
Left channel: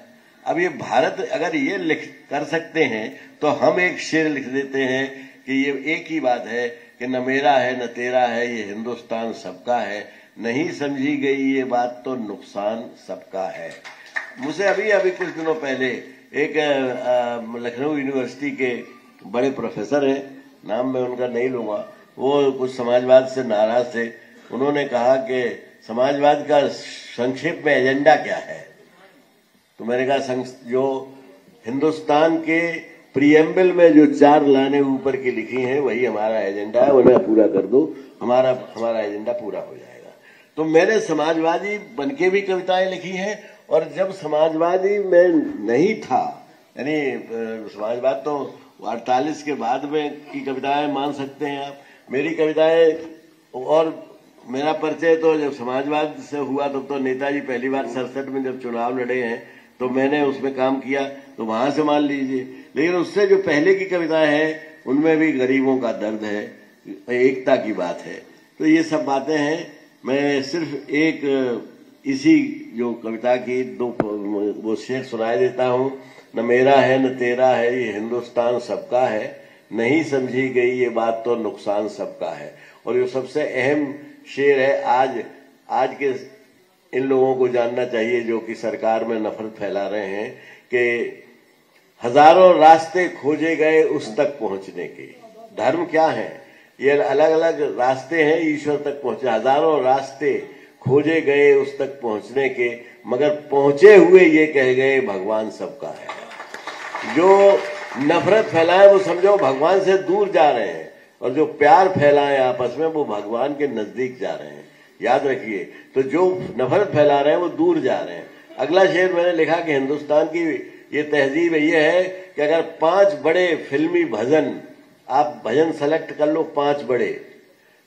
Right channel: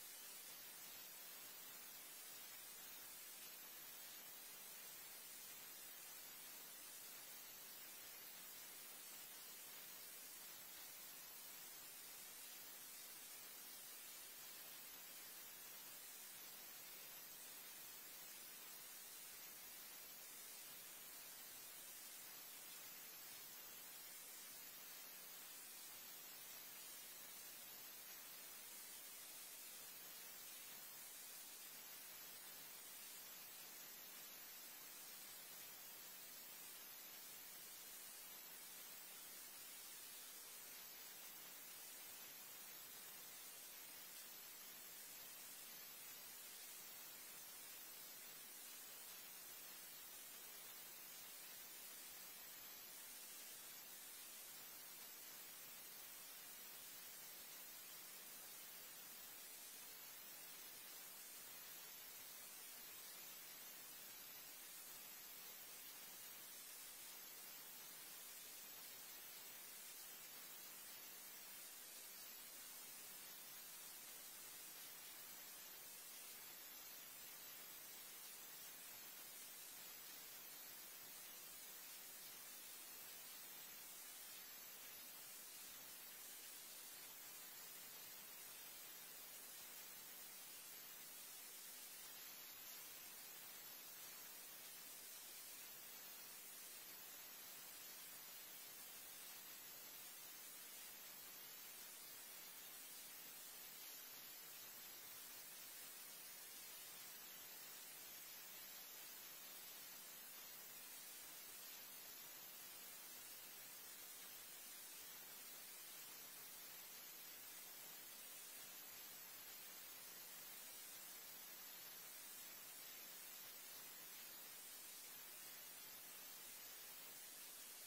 अब ये भारत अगर ये लिख कर सकते हैं तो हम एक शेर लिख देते हैं कि ये एक ही बात है कि न मेरा है न तेरा है, ये हिंदुस्तान सबका है, नहीं समझी गई ये बात तो नुकसान सबका है। मुझे अभी कुछ दिनों पहले एक लखनऊ यूनिवर्सिटी के बड़े प्रोफेसर हैं, नाम मैं उनका नहीं लूँगा, वो कुछ समाजवाद से नाराज थे। उन्होंने कहा कि समाजवाद का संक्षेप में एजेंडा क्या है। तो मैंने कहा जो हिंदुस्तान के प्रियम्बल में जो 4 लाइनें ऊपर की लिखी हैं वही हमारा एजेंडा है, उन्हें पूरा कर दो, हमारा एजेंडा पूरा हो जाएगा। तो मैंने समाजवादी बनके भी कविताएं लिखी हैं, और जब समाजवादी मैं नहीं था, यानी समाजवाद तो 48 के बाद में की कविताएं मान सकते हैं आप। मेरी कविताएं और मेरा परिचय तो जब समाजवाद से हुआ तब तो नेताजी पहली बार 67 में जब चुनाव लड़े हैं तो मैंने उसमें काम किया, तो वहां से मान लीजिए। लेकिन उससे जो पहले की कविताएं हैं उनमें भी गरीबों का दर्द है, एकता की बात है। तो ये सब बातें हैं। मैं सिर्फ एक इसी जो कविता की 2 वो शेर सुनाई देता हूँ। न मेरा है न तेरा है, ये हिंदुस्तान सबका है, नहीं समझी गई ये बात तो नुकसान सबका है। और ये सबसे अहम शेर है। आज के इन लोगों को जानना चाहिए जो कि सरकार में नफरत फैला रहे हैं कि हजारों रास्ते खोजे गए उस तक पहुंचने के। धर्म क्या है? ये अलग अलग रास्ते हैं ईश्वर तक पहुंचे। हजारों रास्ते खोजे गए उस तक पहुंचने के, मगर पहुंचे हुए ये कह गए भगवान सबका है। जो नफरत फैलाए वो समझो भगवान से दूर जा रहे हैं, और जो प्यार फैलाए आपस में वो भगवान के नजदीक जा रहे हैं। याद रखिए, तो जो नफरत फैला रहे हैं वो दूर जा रहे हैं। अगला शेर मैंने लिखा कि हिंदुस्तान की ये तहजीब ये है कि अगर 5 बड़े फिल्मी भजन, आप भजन सेलेक्ट कर लो 5 बड़े,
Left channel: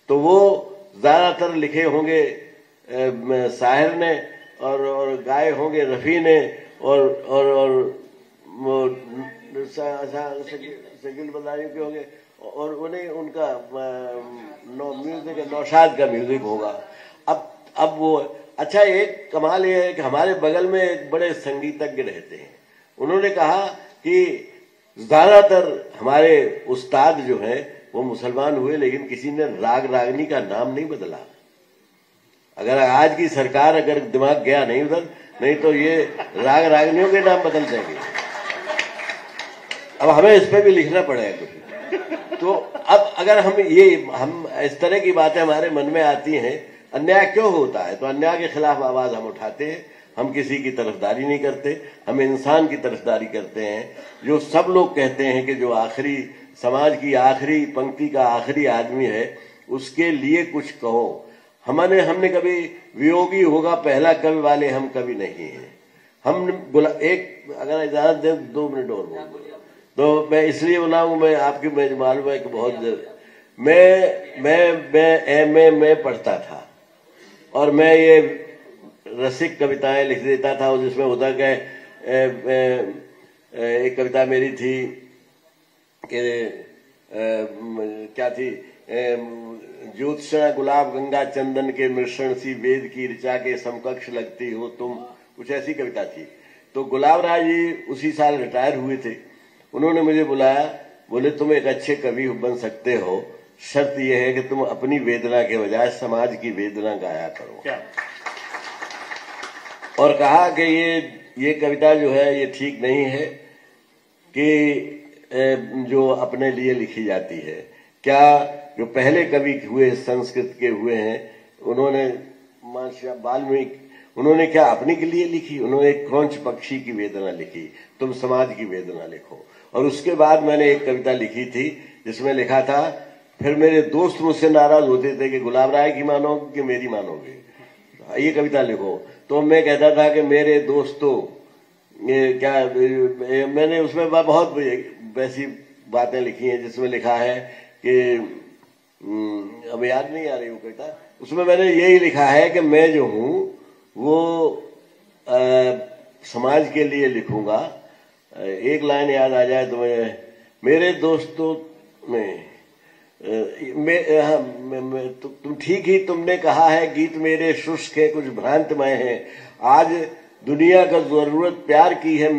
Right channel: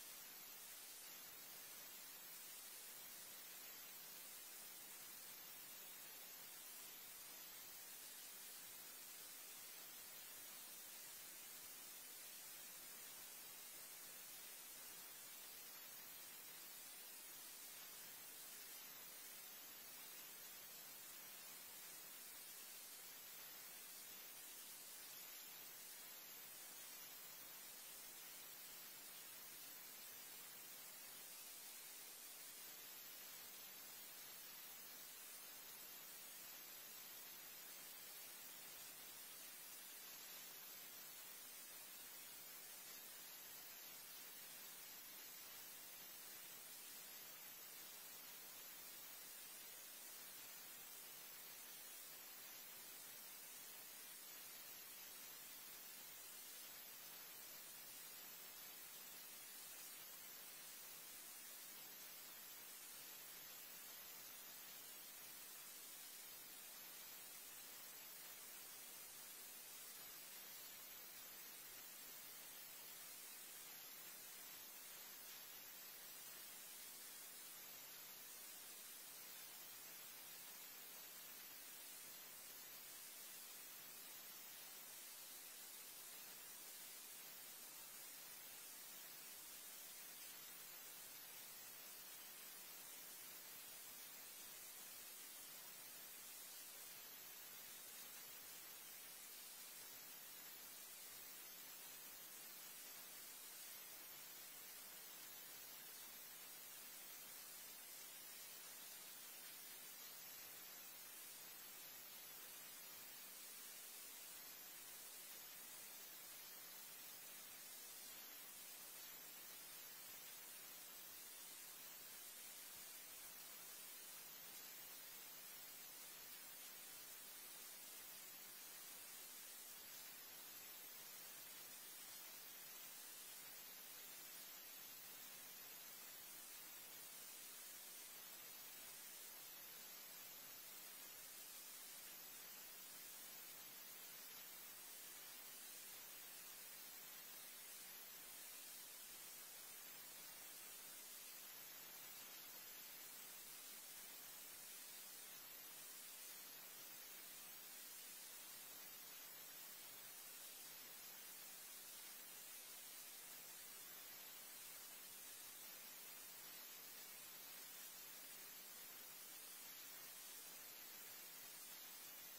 तो वो ज्यादातर लिखे होंगे साहिर ने और गाए होंगे रफी ने और शकील बदायूं के होंगे, और उन्हें उनका म्यूजिक नौशाद का म्यूजिक होगा। अब वो अच्छा, एक कमाल ये है कि हमारे बगल में एक बड़े संगीतज्ञ रहते हैं। उन्होंने कहा कि ज्यादातर हमारे उस्ताद जो हैं वो मुसलमान हुए, लेकिन किसी ने राग रागनी का नाम नहीं बदला। अगर आज की सरकार अगर दिमाग गया नहीं उधर, नहीं तो ये राग रागनियों के नाम बदल जाएंगे। अब हमें इस पे भी लिखना पड़ेगा कुछ। तो अब अगर हम इस तरह की बातें हमारे मन में आती हैं, अन्याय क्यों होता है, तो अन्याय के खिलाफ आवाज हम उठाते हैं। हम किसी की तरफदारी नहीं करते, हम इंसान की तरफदारी करते हैं। जो सब लोग कहते हैं कि जो आखिरी समाज की आखिरी पंक्ति का आखिरी आदमी है उसके लिए कुछ कहो। हमने कभी वियोगी होगा पहला कवि वाले हम कभी नहीं हैं। हम एक अगर इजाजत दें 2 मिनट और बोल तो मैं इसलिए बोला हूँ, मैं आपकी मालूम है कि बहुत मैं MA में पढ़ता था और मैं ये रसिक कविताएं लिख देता था, और जिसमें होता क्या एक कविता मेरी थी कि क्या थी, ज्योत्सना गुलाब गंगा चंदन के मिश्रण सी वेद की ऋचा के समकक्ष लगती हो तुम, कुछ ऐसी कविता थी। तो गुलाब राय जी उसी साल रिटायर हुए थे। उन्होंने मुझे बुलाया, बोले तुम एक अच्छे कवि बन सकते हो, शर्त यह है कि तुम अपनी वेदना के बजाय समाज की वेदना गाया करो। क्या? और कहा कि ये कविता जो है ये ठीक नहीं है कि जो अपने लिए लिखी जाती है। क्या जो पहले कवि हुए संस्कृत के हुए हैं, उन्होंने वाल्मीकि, उन्होंने क्या अपने के लिए लिखी? उन्होंने एक क्रौंच पक्षी की वेदना लिखी, तुम समाज की वेदना लिखो। और उसके बाद मैंने एक कविता लिखी थी जिसमें लिखा था, फिर मेरे दोस्त मुझसे नाराज होते थे कि गुलाब राय की मानोगे कि मेरी मानोगे, ये कविता लिखो। तो मैं कहता था कि मेरे दोस्तों, क्या मैंने उसमें बहुत वैसी बातें लिखी हैं जिसमें लिखा है कि अब याद नहीं आ रही वो कविता, उसमें मैंने यही लिखा है कि मैं जो हूँ वो समाज के लिए लिखूंगा। एक लाइन याद आ जाए तो मैं, मेरे दोस्तों में तुम ठीक ही तुमने कहा है, गीत मेरे शुष्क है कुछ भ्रांतमय है, आज दुनिया का जरूरत प्यार की है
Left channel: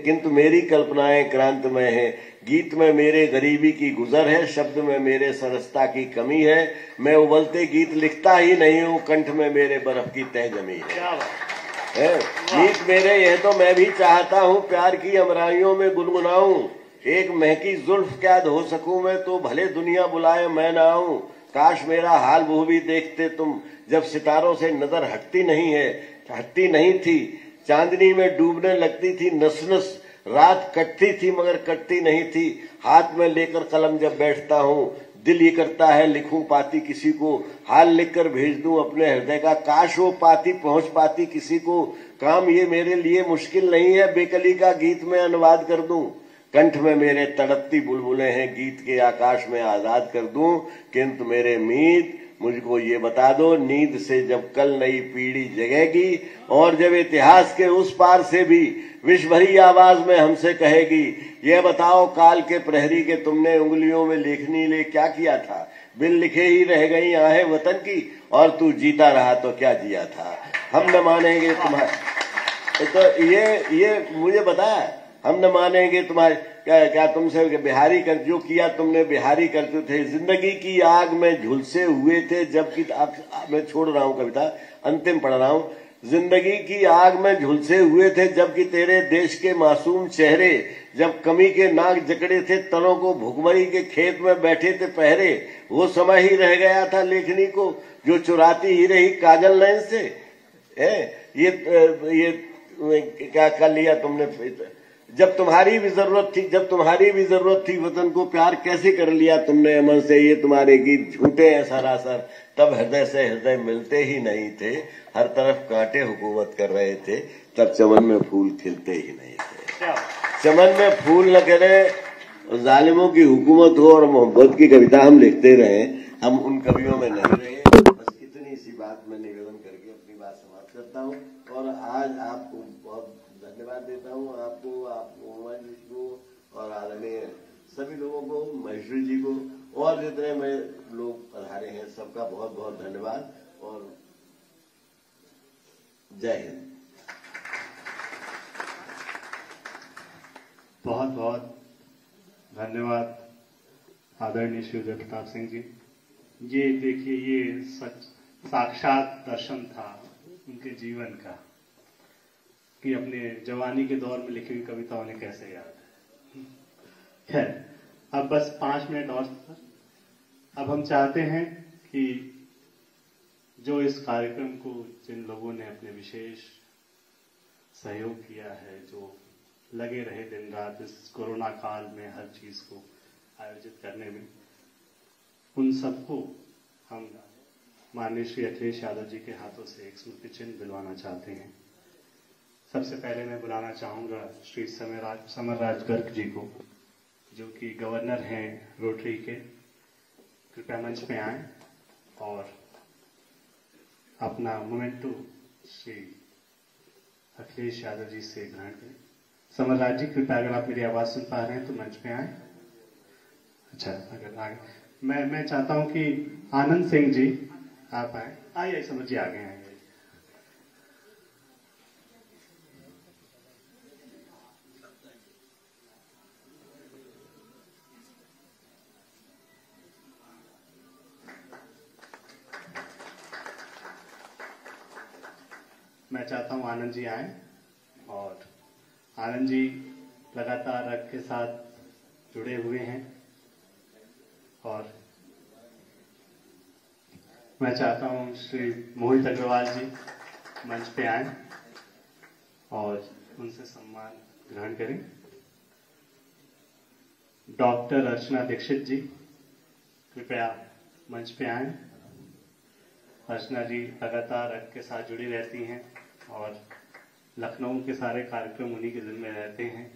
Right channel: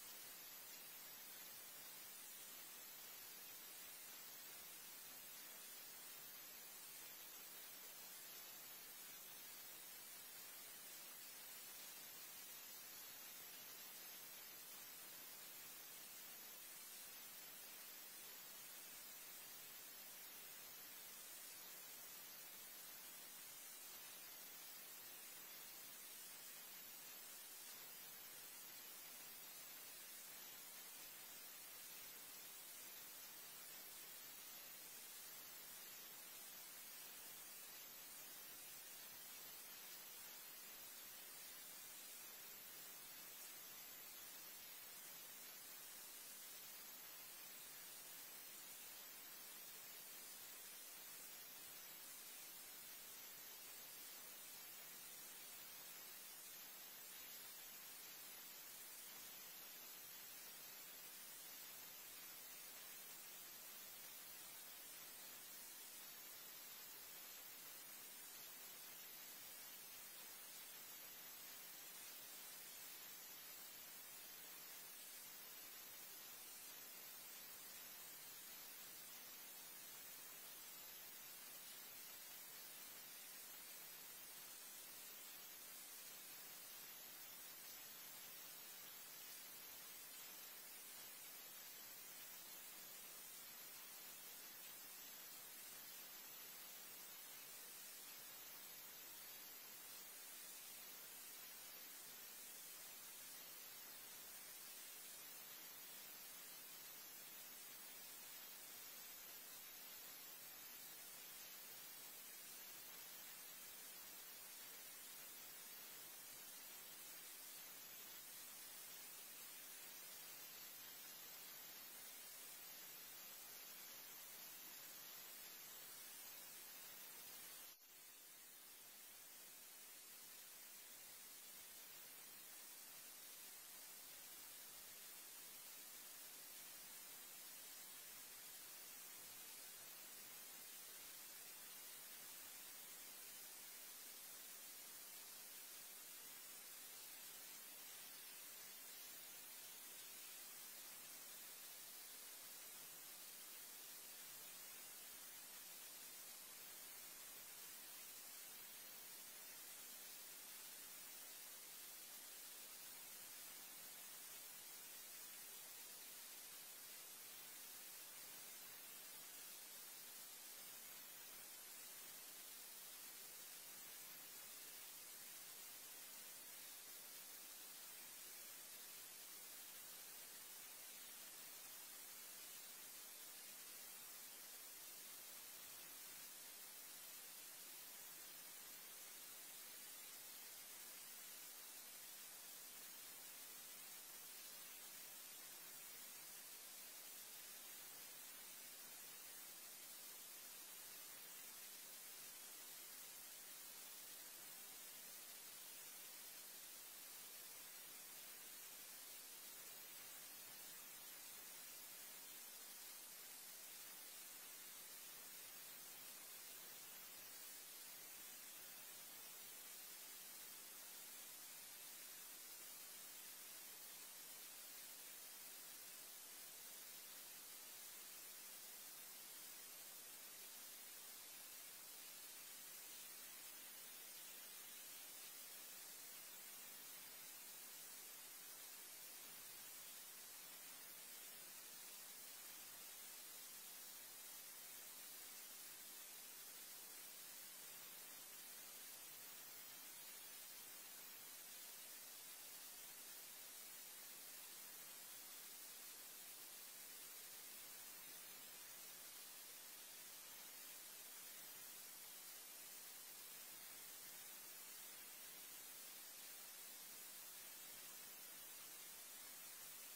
किंतु मेरी कल्पनाएं क्रांतमय है, गीत में मेरे गरीबी की गुजर है, शब्द में मेरे सरसता की कमी है, मैं उबलते गीत लिखता ही नहीं हूँ, कंठ में मेरे बर्फ की तह जमी है। गीत मेरे यह तो मैं भी चाहता हूँ, प्यार की अमराइयों में गुनगुनाऊं, एक महकी जुल्फ क्या धो सकूं मैं, तो भले दुनिया बुलाए मैं ना आऊं, काश मेरा हाल वो भी देखते तुम, जब सितारों से नजर हटती नहीं थी, चांदनी में डूबने लगती थी नस नस, रात कटती थी मगर कटती नहीं थी, हाथ में लेकर कलम जब बैठता हूँ, दिल ये करता है लिखूं पाती किसी को, हाल लिखकर भेज दूं अपने हृदय का, काश वो पाती पहुंच पाती किसी को, काम ये मेरे लिए मुश्किल नहीं है, बेकली का गीत में अनुवाद कर दूं, कंठ में मेरे तड़पती बुलबुलें हैं, गीत के आकाश में आजाद कर दूं, किंतु मेरे मीत मुझको ये बता दो, नींद से जब कल नई पीढ़ी जगेगी और जब इतिहास के उस पार से भी विश्व भरी आवाज में हमसे कहेगी, ये बताओ काल के प्रहरी के तुमने उंगलियों में लेखनी ले क्या किया था, बिन लिखे ही रह गई आहें वतन की, और तू जीता रहा तो क्या जिया था, हम न मानेंगे तुम्हारे, तो ये मुझे बताया, हम न मानेंगे तुम्हारे क्या तुमसे बिहारी कर जो किया तुमने बिहारी करते थे, जिंदगी की आग में झुलसे हुए थे जबकि मैं छोड़ रहा हूँ कविता, अंतिम पढ़ रहा हूँ, जिंदगी की आग में झुलसे हुए थे जबकि तेरे देश के मासूम चेहरे जब कमी के नाक जकड़े थे, तनों को भुखमरी के खेत में बैठे थे पहरे, वो समय ही रह गया था लेखनी को जो चुराती ही रही काजल नयन से, ये क्या कर लिया तुमने, जब तुम्हारी भी जरूरत थी वतन को प्यार कैसे कर लिया तुमने अमन से, ये तुम्हारे गीत झूठे हैं सरासर, तब हृदय से हृदय मिलते ही नहीं थे, हर तरफ कांटे हुकूमत कर रहे थे, तब चमन में फूल खिलते ही नहीं थे, चमन में फूल न करे जालिमों की हुकूमत हो और मोहब्बत की कविता हम लिखते रहे, हम उन कवियों में नहीं रहे। बस इतनी सी बात मैं निवेदन करके अपनी बात समाप्त करता हूँ, और आज आपको बहुत धन्यवाद देता हूँ, आपको उमा जी को और आदरणीय सभी लोगों को, महेश्वरी जी को और जितने में लोग पधारे हैं सबका बहुत बहुत धन्यवाद और जय हिंद। बहुत बहुत धन्यवाद आदरणीय श्री उदय प्रताप सिंह जी। ये देखिए, ये साक्षात दर्शन था उनके जीवन का कि अपने जवानी के दौर में लिखी हुई कविता उन्हें कैसे याद है। खैर, अब बस 5 मिनट और, अब हम चाहते हैं कि जो इस कार्यक्रम को जिन लोगों ने अपने विशेष सहयोग किया है, जो लगे रहे दिन रात इस कोरोना काल में हर चीज को आयोजित करने में, उन सबको हम माननीय श्री अखिलेश यादव जी के हाथों से एक स्मृति चिन्ह दिलवाना चाहते हैं। सबसे पहले मैं बुलाना चाहूँगा श्री समरराज गर्ग जी को, जो कि गवर्नर हैं रोटरी के। कृपया मंच में आएं और अपना मोमेंटो श्री अखिलेश यादव जी से ग्रहण करें। समरराज जी, कृपया अगर आप मेरी आवाज़ सुन पा रहे हैं तो मंच में आएं। अच्छा, अगर आगे मैं चाहता हूं कि आनंद सिंह जी आप आए। आइए समझ जी, आगे आए। मैं चाहता हूं आनंद जी आए, और आनंद जी लगातार रक्त के साथ जुड़े हुए हैं, और मैं चाहता हूं श्री मोहित अग्रवाल जी मंच पे आए और उनसे सम्मान ग्रहण करें। डॉक्टर अर्चना दीक्षित जी कृपया मंच पे आए। अर्चना जी लगातार रक्त के साथ जुड़ी रहती हैं और लखनऊ के सारे कार्यक्रम उन्हीं के जिम्मे रहते हैं।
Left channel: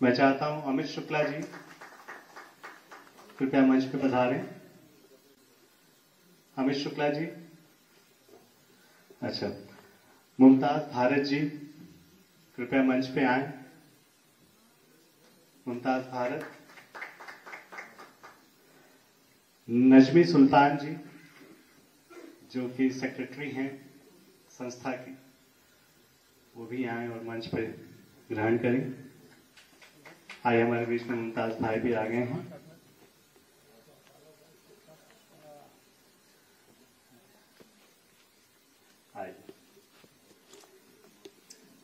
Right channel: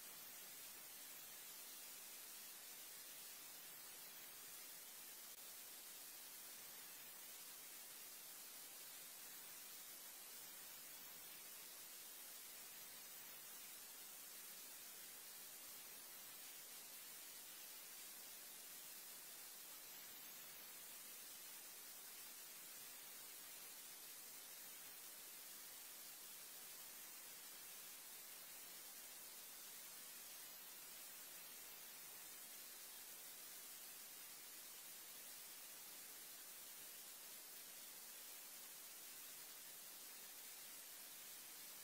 मैं चाहता हूं अमित शुक्ला जी कृपया मंच पे पधारें। अमित शुक्ला जी। अच्छा, मुमताज भारत जी कृपया मंच पे आए। मुमताज भारत। नजमी सुल्तान जी, जो कि सेक्रेटरी हैं संस्था की, वो भी आए और मंच पर ग्रहण करें। आइए, हमारे बीच में मुमताज भाई भी आ गए हैं। आइए,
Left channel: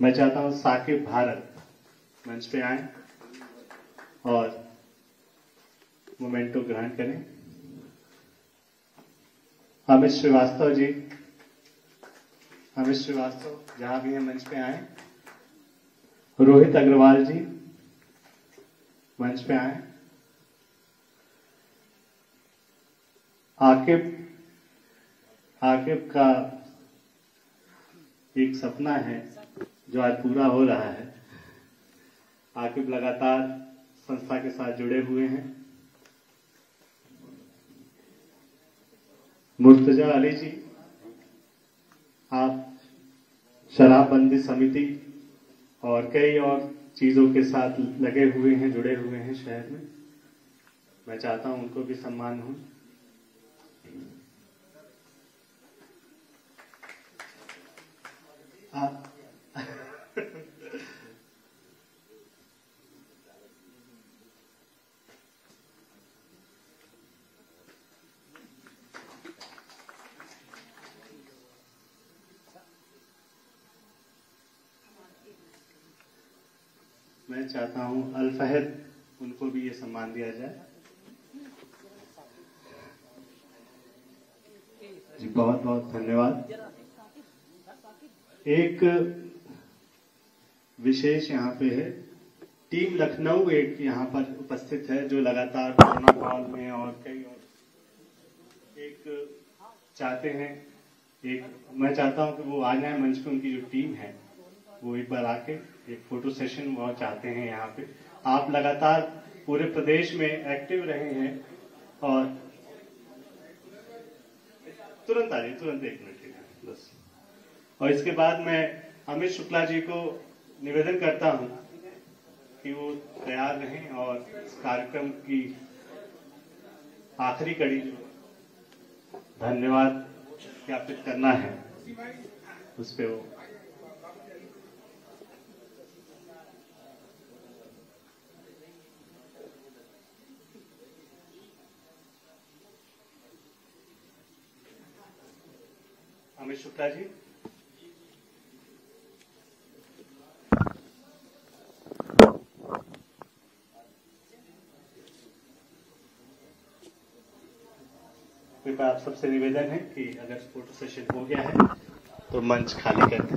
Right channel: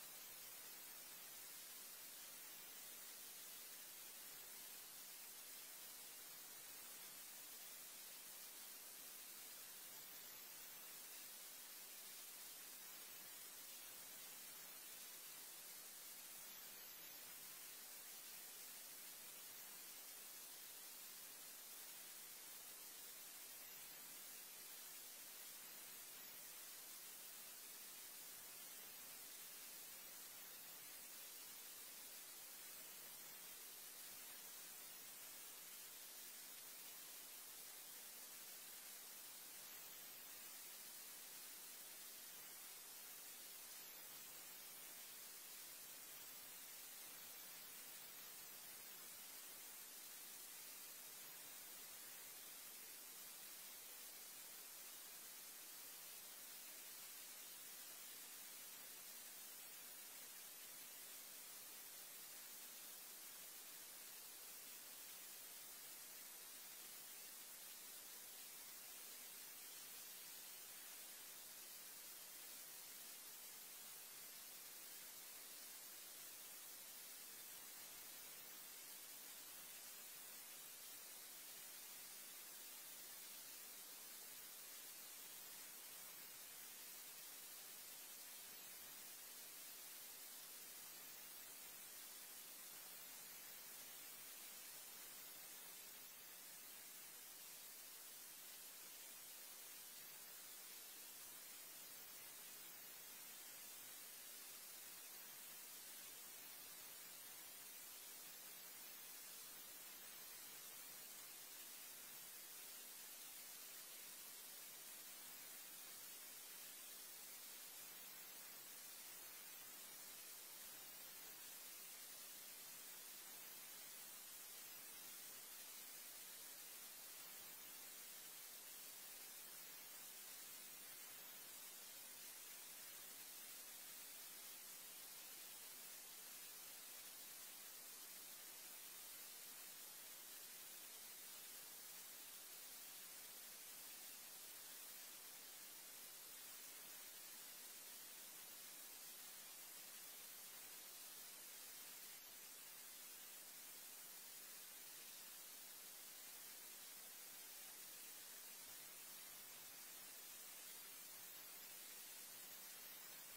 मैं चाहता हूं साकिब भारत मंच पे आए और मोमेंटो ग्रहण करें। अमित श्रीवास्तव जी, अमित श्रीवास्तव जहां भी हैं मंच पे आए। रोहित अग्रवाल जी मंच पे आए। आकिब का एक सपना है जो आज पूरा हो रहा है। आकिब लगातार संस्था के साथ जुड़े हुए हैं। मुर्तजा अली जी, आप शराबबंदी समिति और कई और चीजों के साथ लगे हुए हैं, जुड़े हुए हैं शहर में। मैं चाहता हूं उनको भी सम्मान हो। मैं चाहता हूं अल फहद, उनको भी ये सम्मान दिया जाए। जी, बहुत बहुत धन्यवाद। एक विशेष यहाँ पे है, टीम लखनऊ एक यहाँ पर उपस्थित है, जो लगातार कोरोना काल में और कई और एक चाहते हैं, मैं चाहता हूँ कि वो आ जाए मंच पे। उनकी जो टीम है वो एक बार आके एक फोटो सेशन वो चाहते हैं यहाँ पे। आप लगातार पूरे प्रदेश में एक्टिव रहे हैं, और तुरंत आ जाइए, तुरंत 1 मिनट के लिए बस। और इसके बाद मैं अमित शुक्ला जी को निवेदन करता हूँ कि वो तैयार रहें और इस कार्यक्रम की आखिरी कड़ी धन्यवाद ज्ञापित करना है, उस पे वो। अमित शुक्ला जी। कृपया आप सबसे निवेदन है कि अगर फोटो सेशन हो गया है तो मंच खाली कर दें।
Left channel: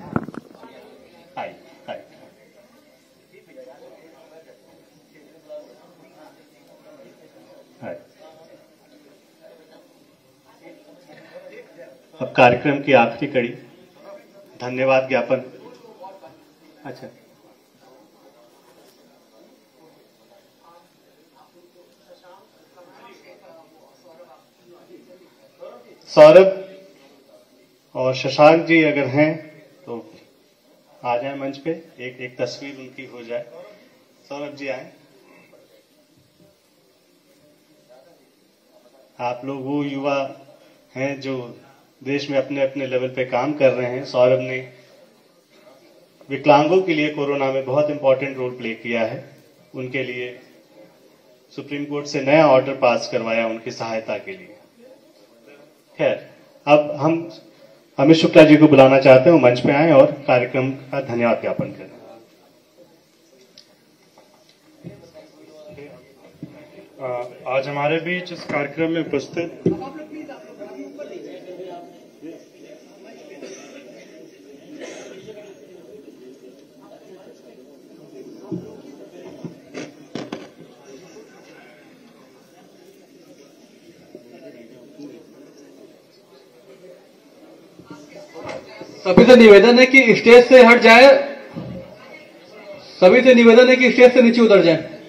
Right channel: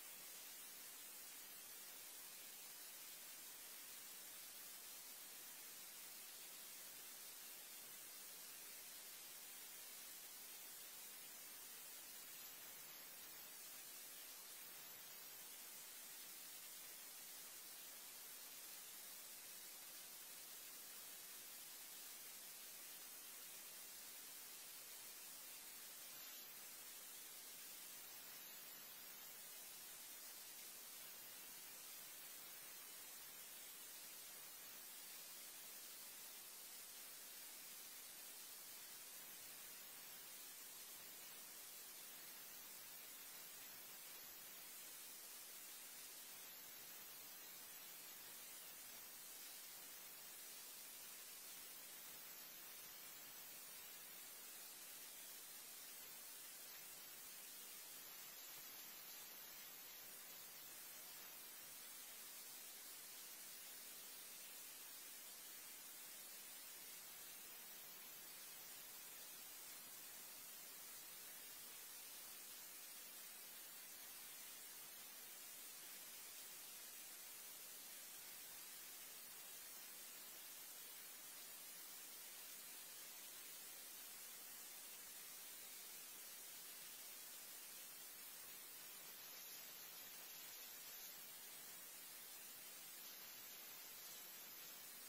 आइए, आइए। आइए। कार्यक्रम की आखिरी कड़ी धन्यवाद ज्ञापन। अच्छा, सौरभ और शशांक जी अगर हैं तो आ जाए मंच पे, एक तस्वीर उनकी हो जाए। सौरभ जी आए। आप लोग वो युवा हैं जो देश में अपने अपने लेवल पे काम कर रहे हैं। सौरभ ने विकलांगों के लिए कोरोना में बहुत इंपॉर्टेंट रोल प्ले किया है। उनके लिए सुप्रीम कोर्ट से नया ऑर्डर पास करवाया उनकी सहायता के लिए। खैर, अब हम अमित शुक्ला जी को बुलाना चाहते हैं, मंच पे आए और कार्यक्रम का धन्यवाद ज्ञापन करें। आज हमारे बीच इस कार्यक्रम में उपस्थित सभी से निवेदन है कि स्टेज से हट जाए, सभी से निवेदन है कि स्टेज से नीचे उतर जाए।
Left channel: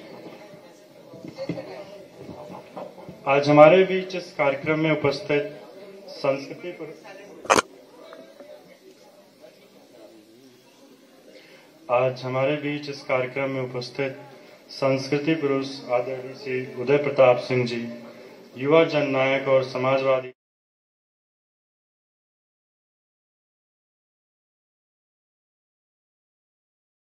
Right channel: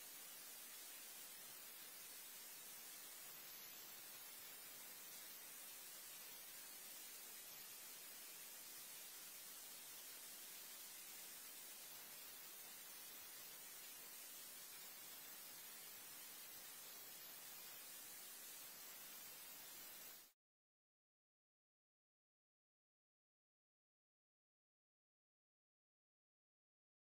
आज हमारे बीच इस कार्यक्रम में उपस्थित संस्कृति पुरुष आदरणीय श्री उदय प्रताप सिंह जी, युवा जननायक और समाजवादी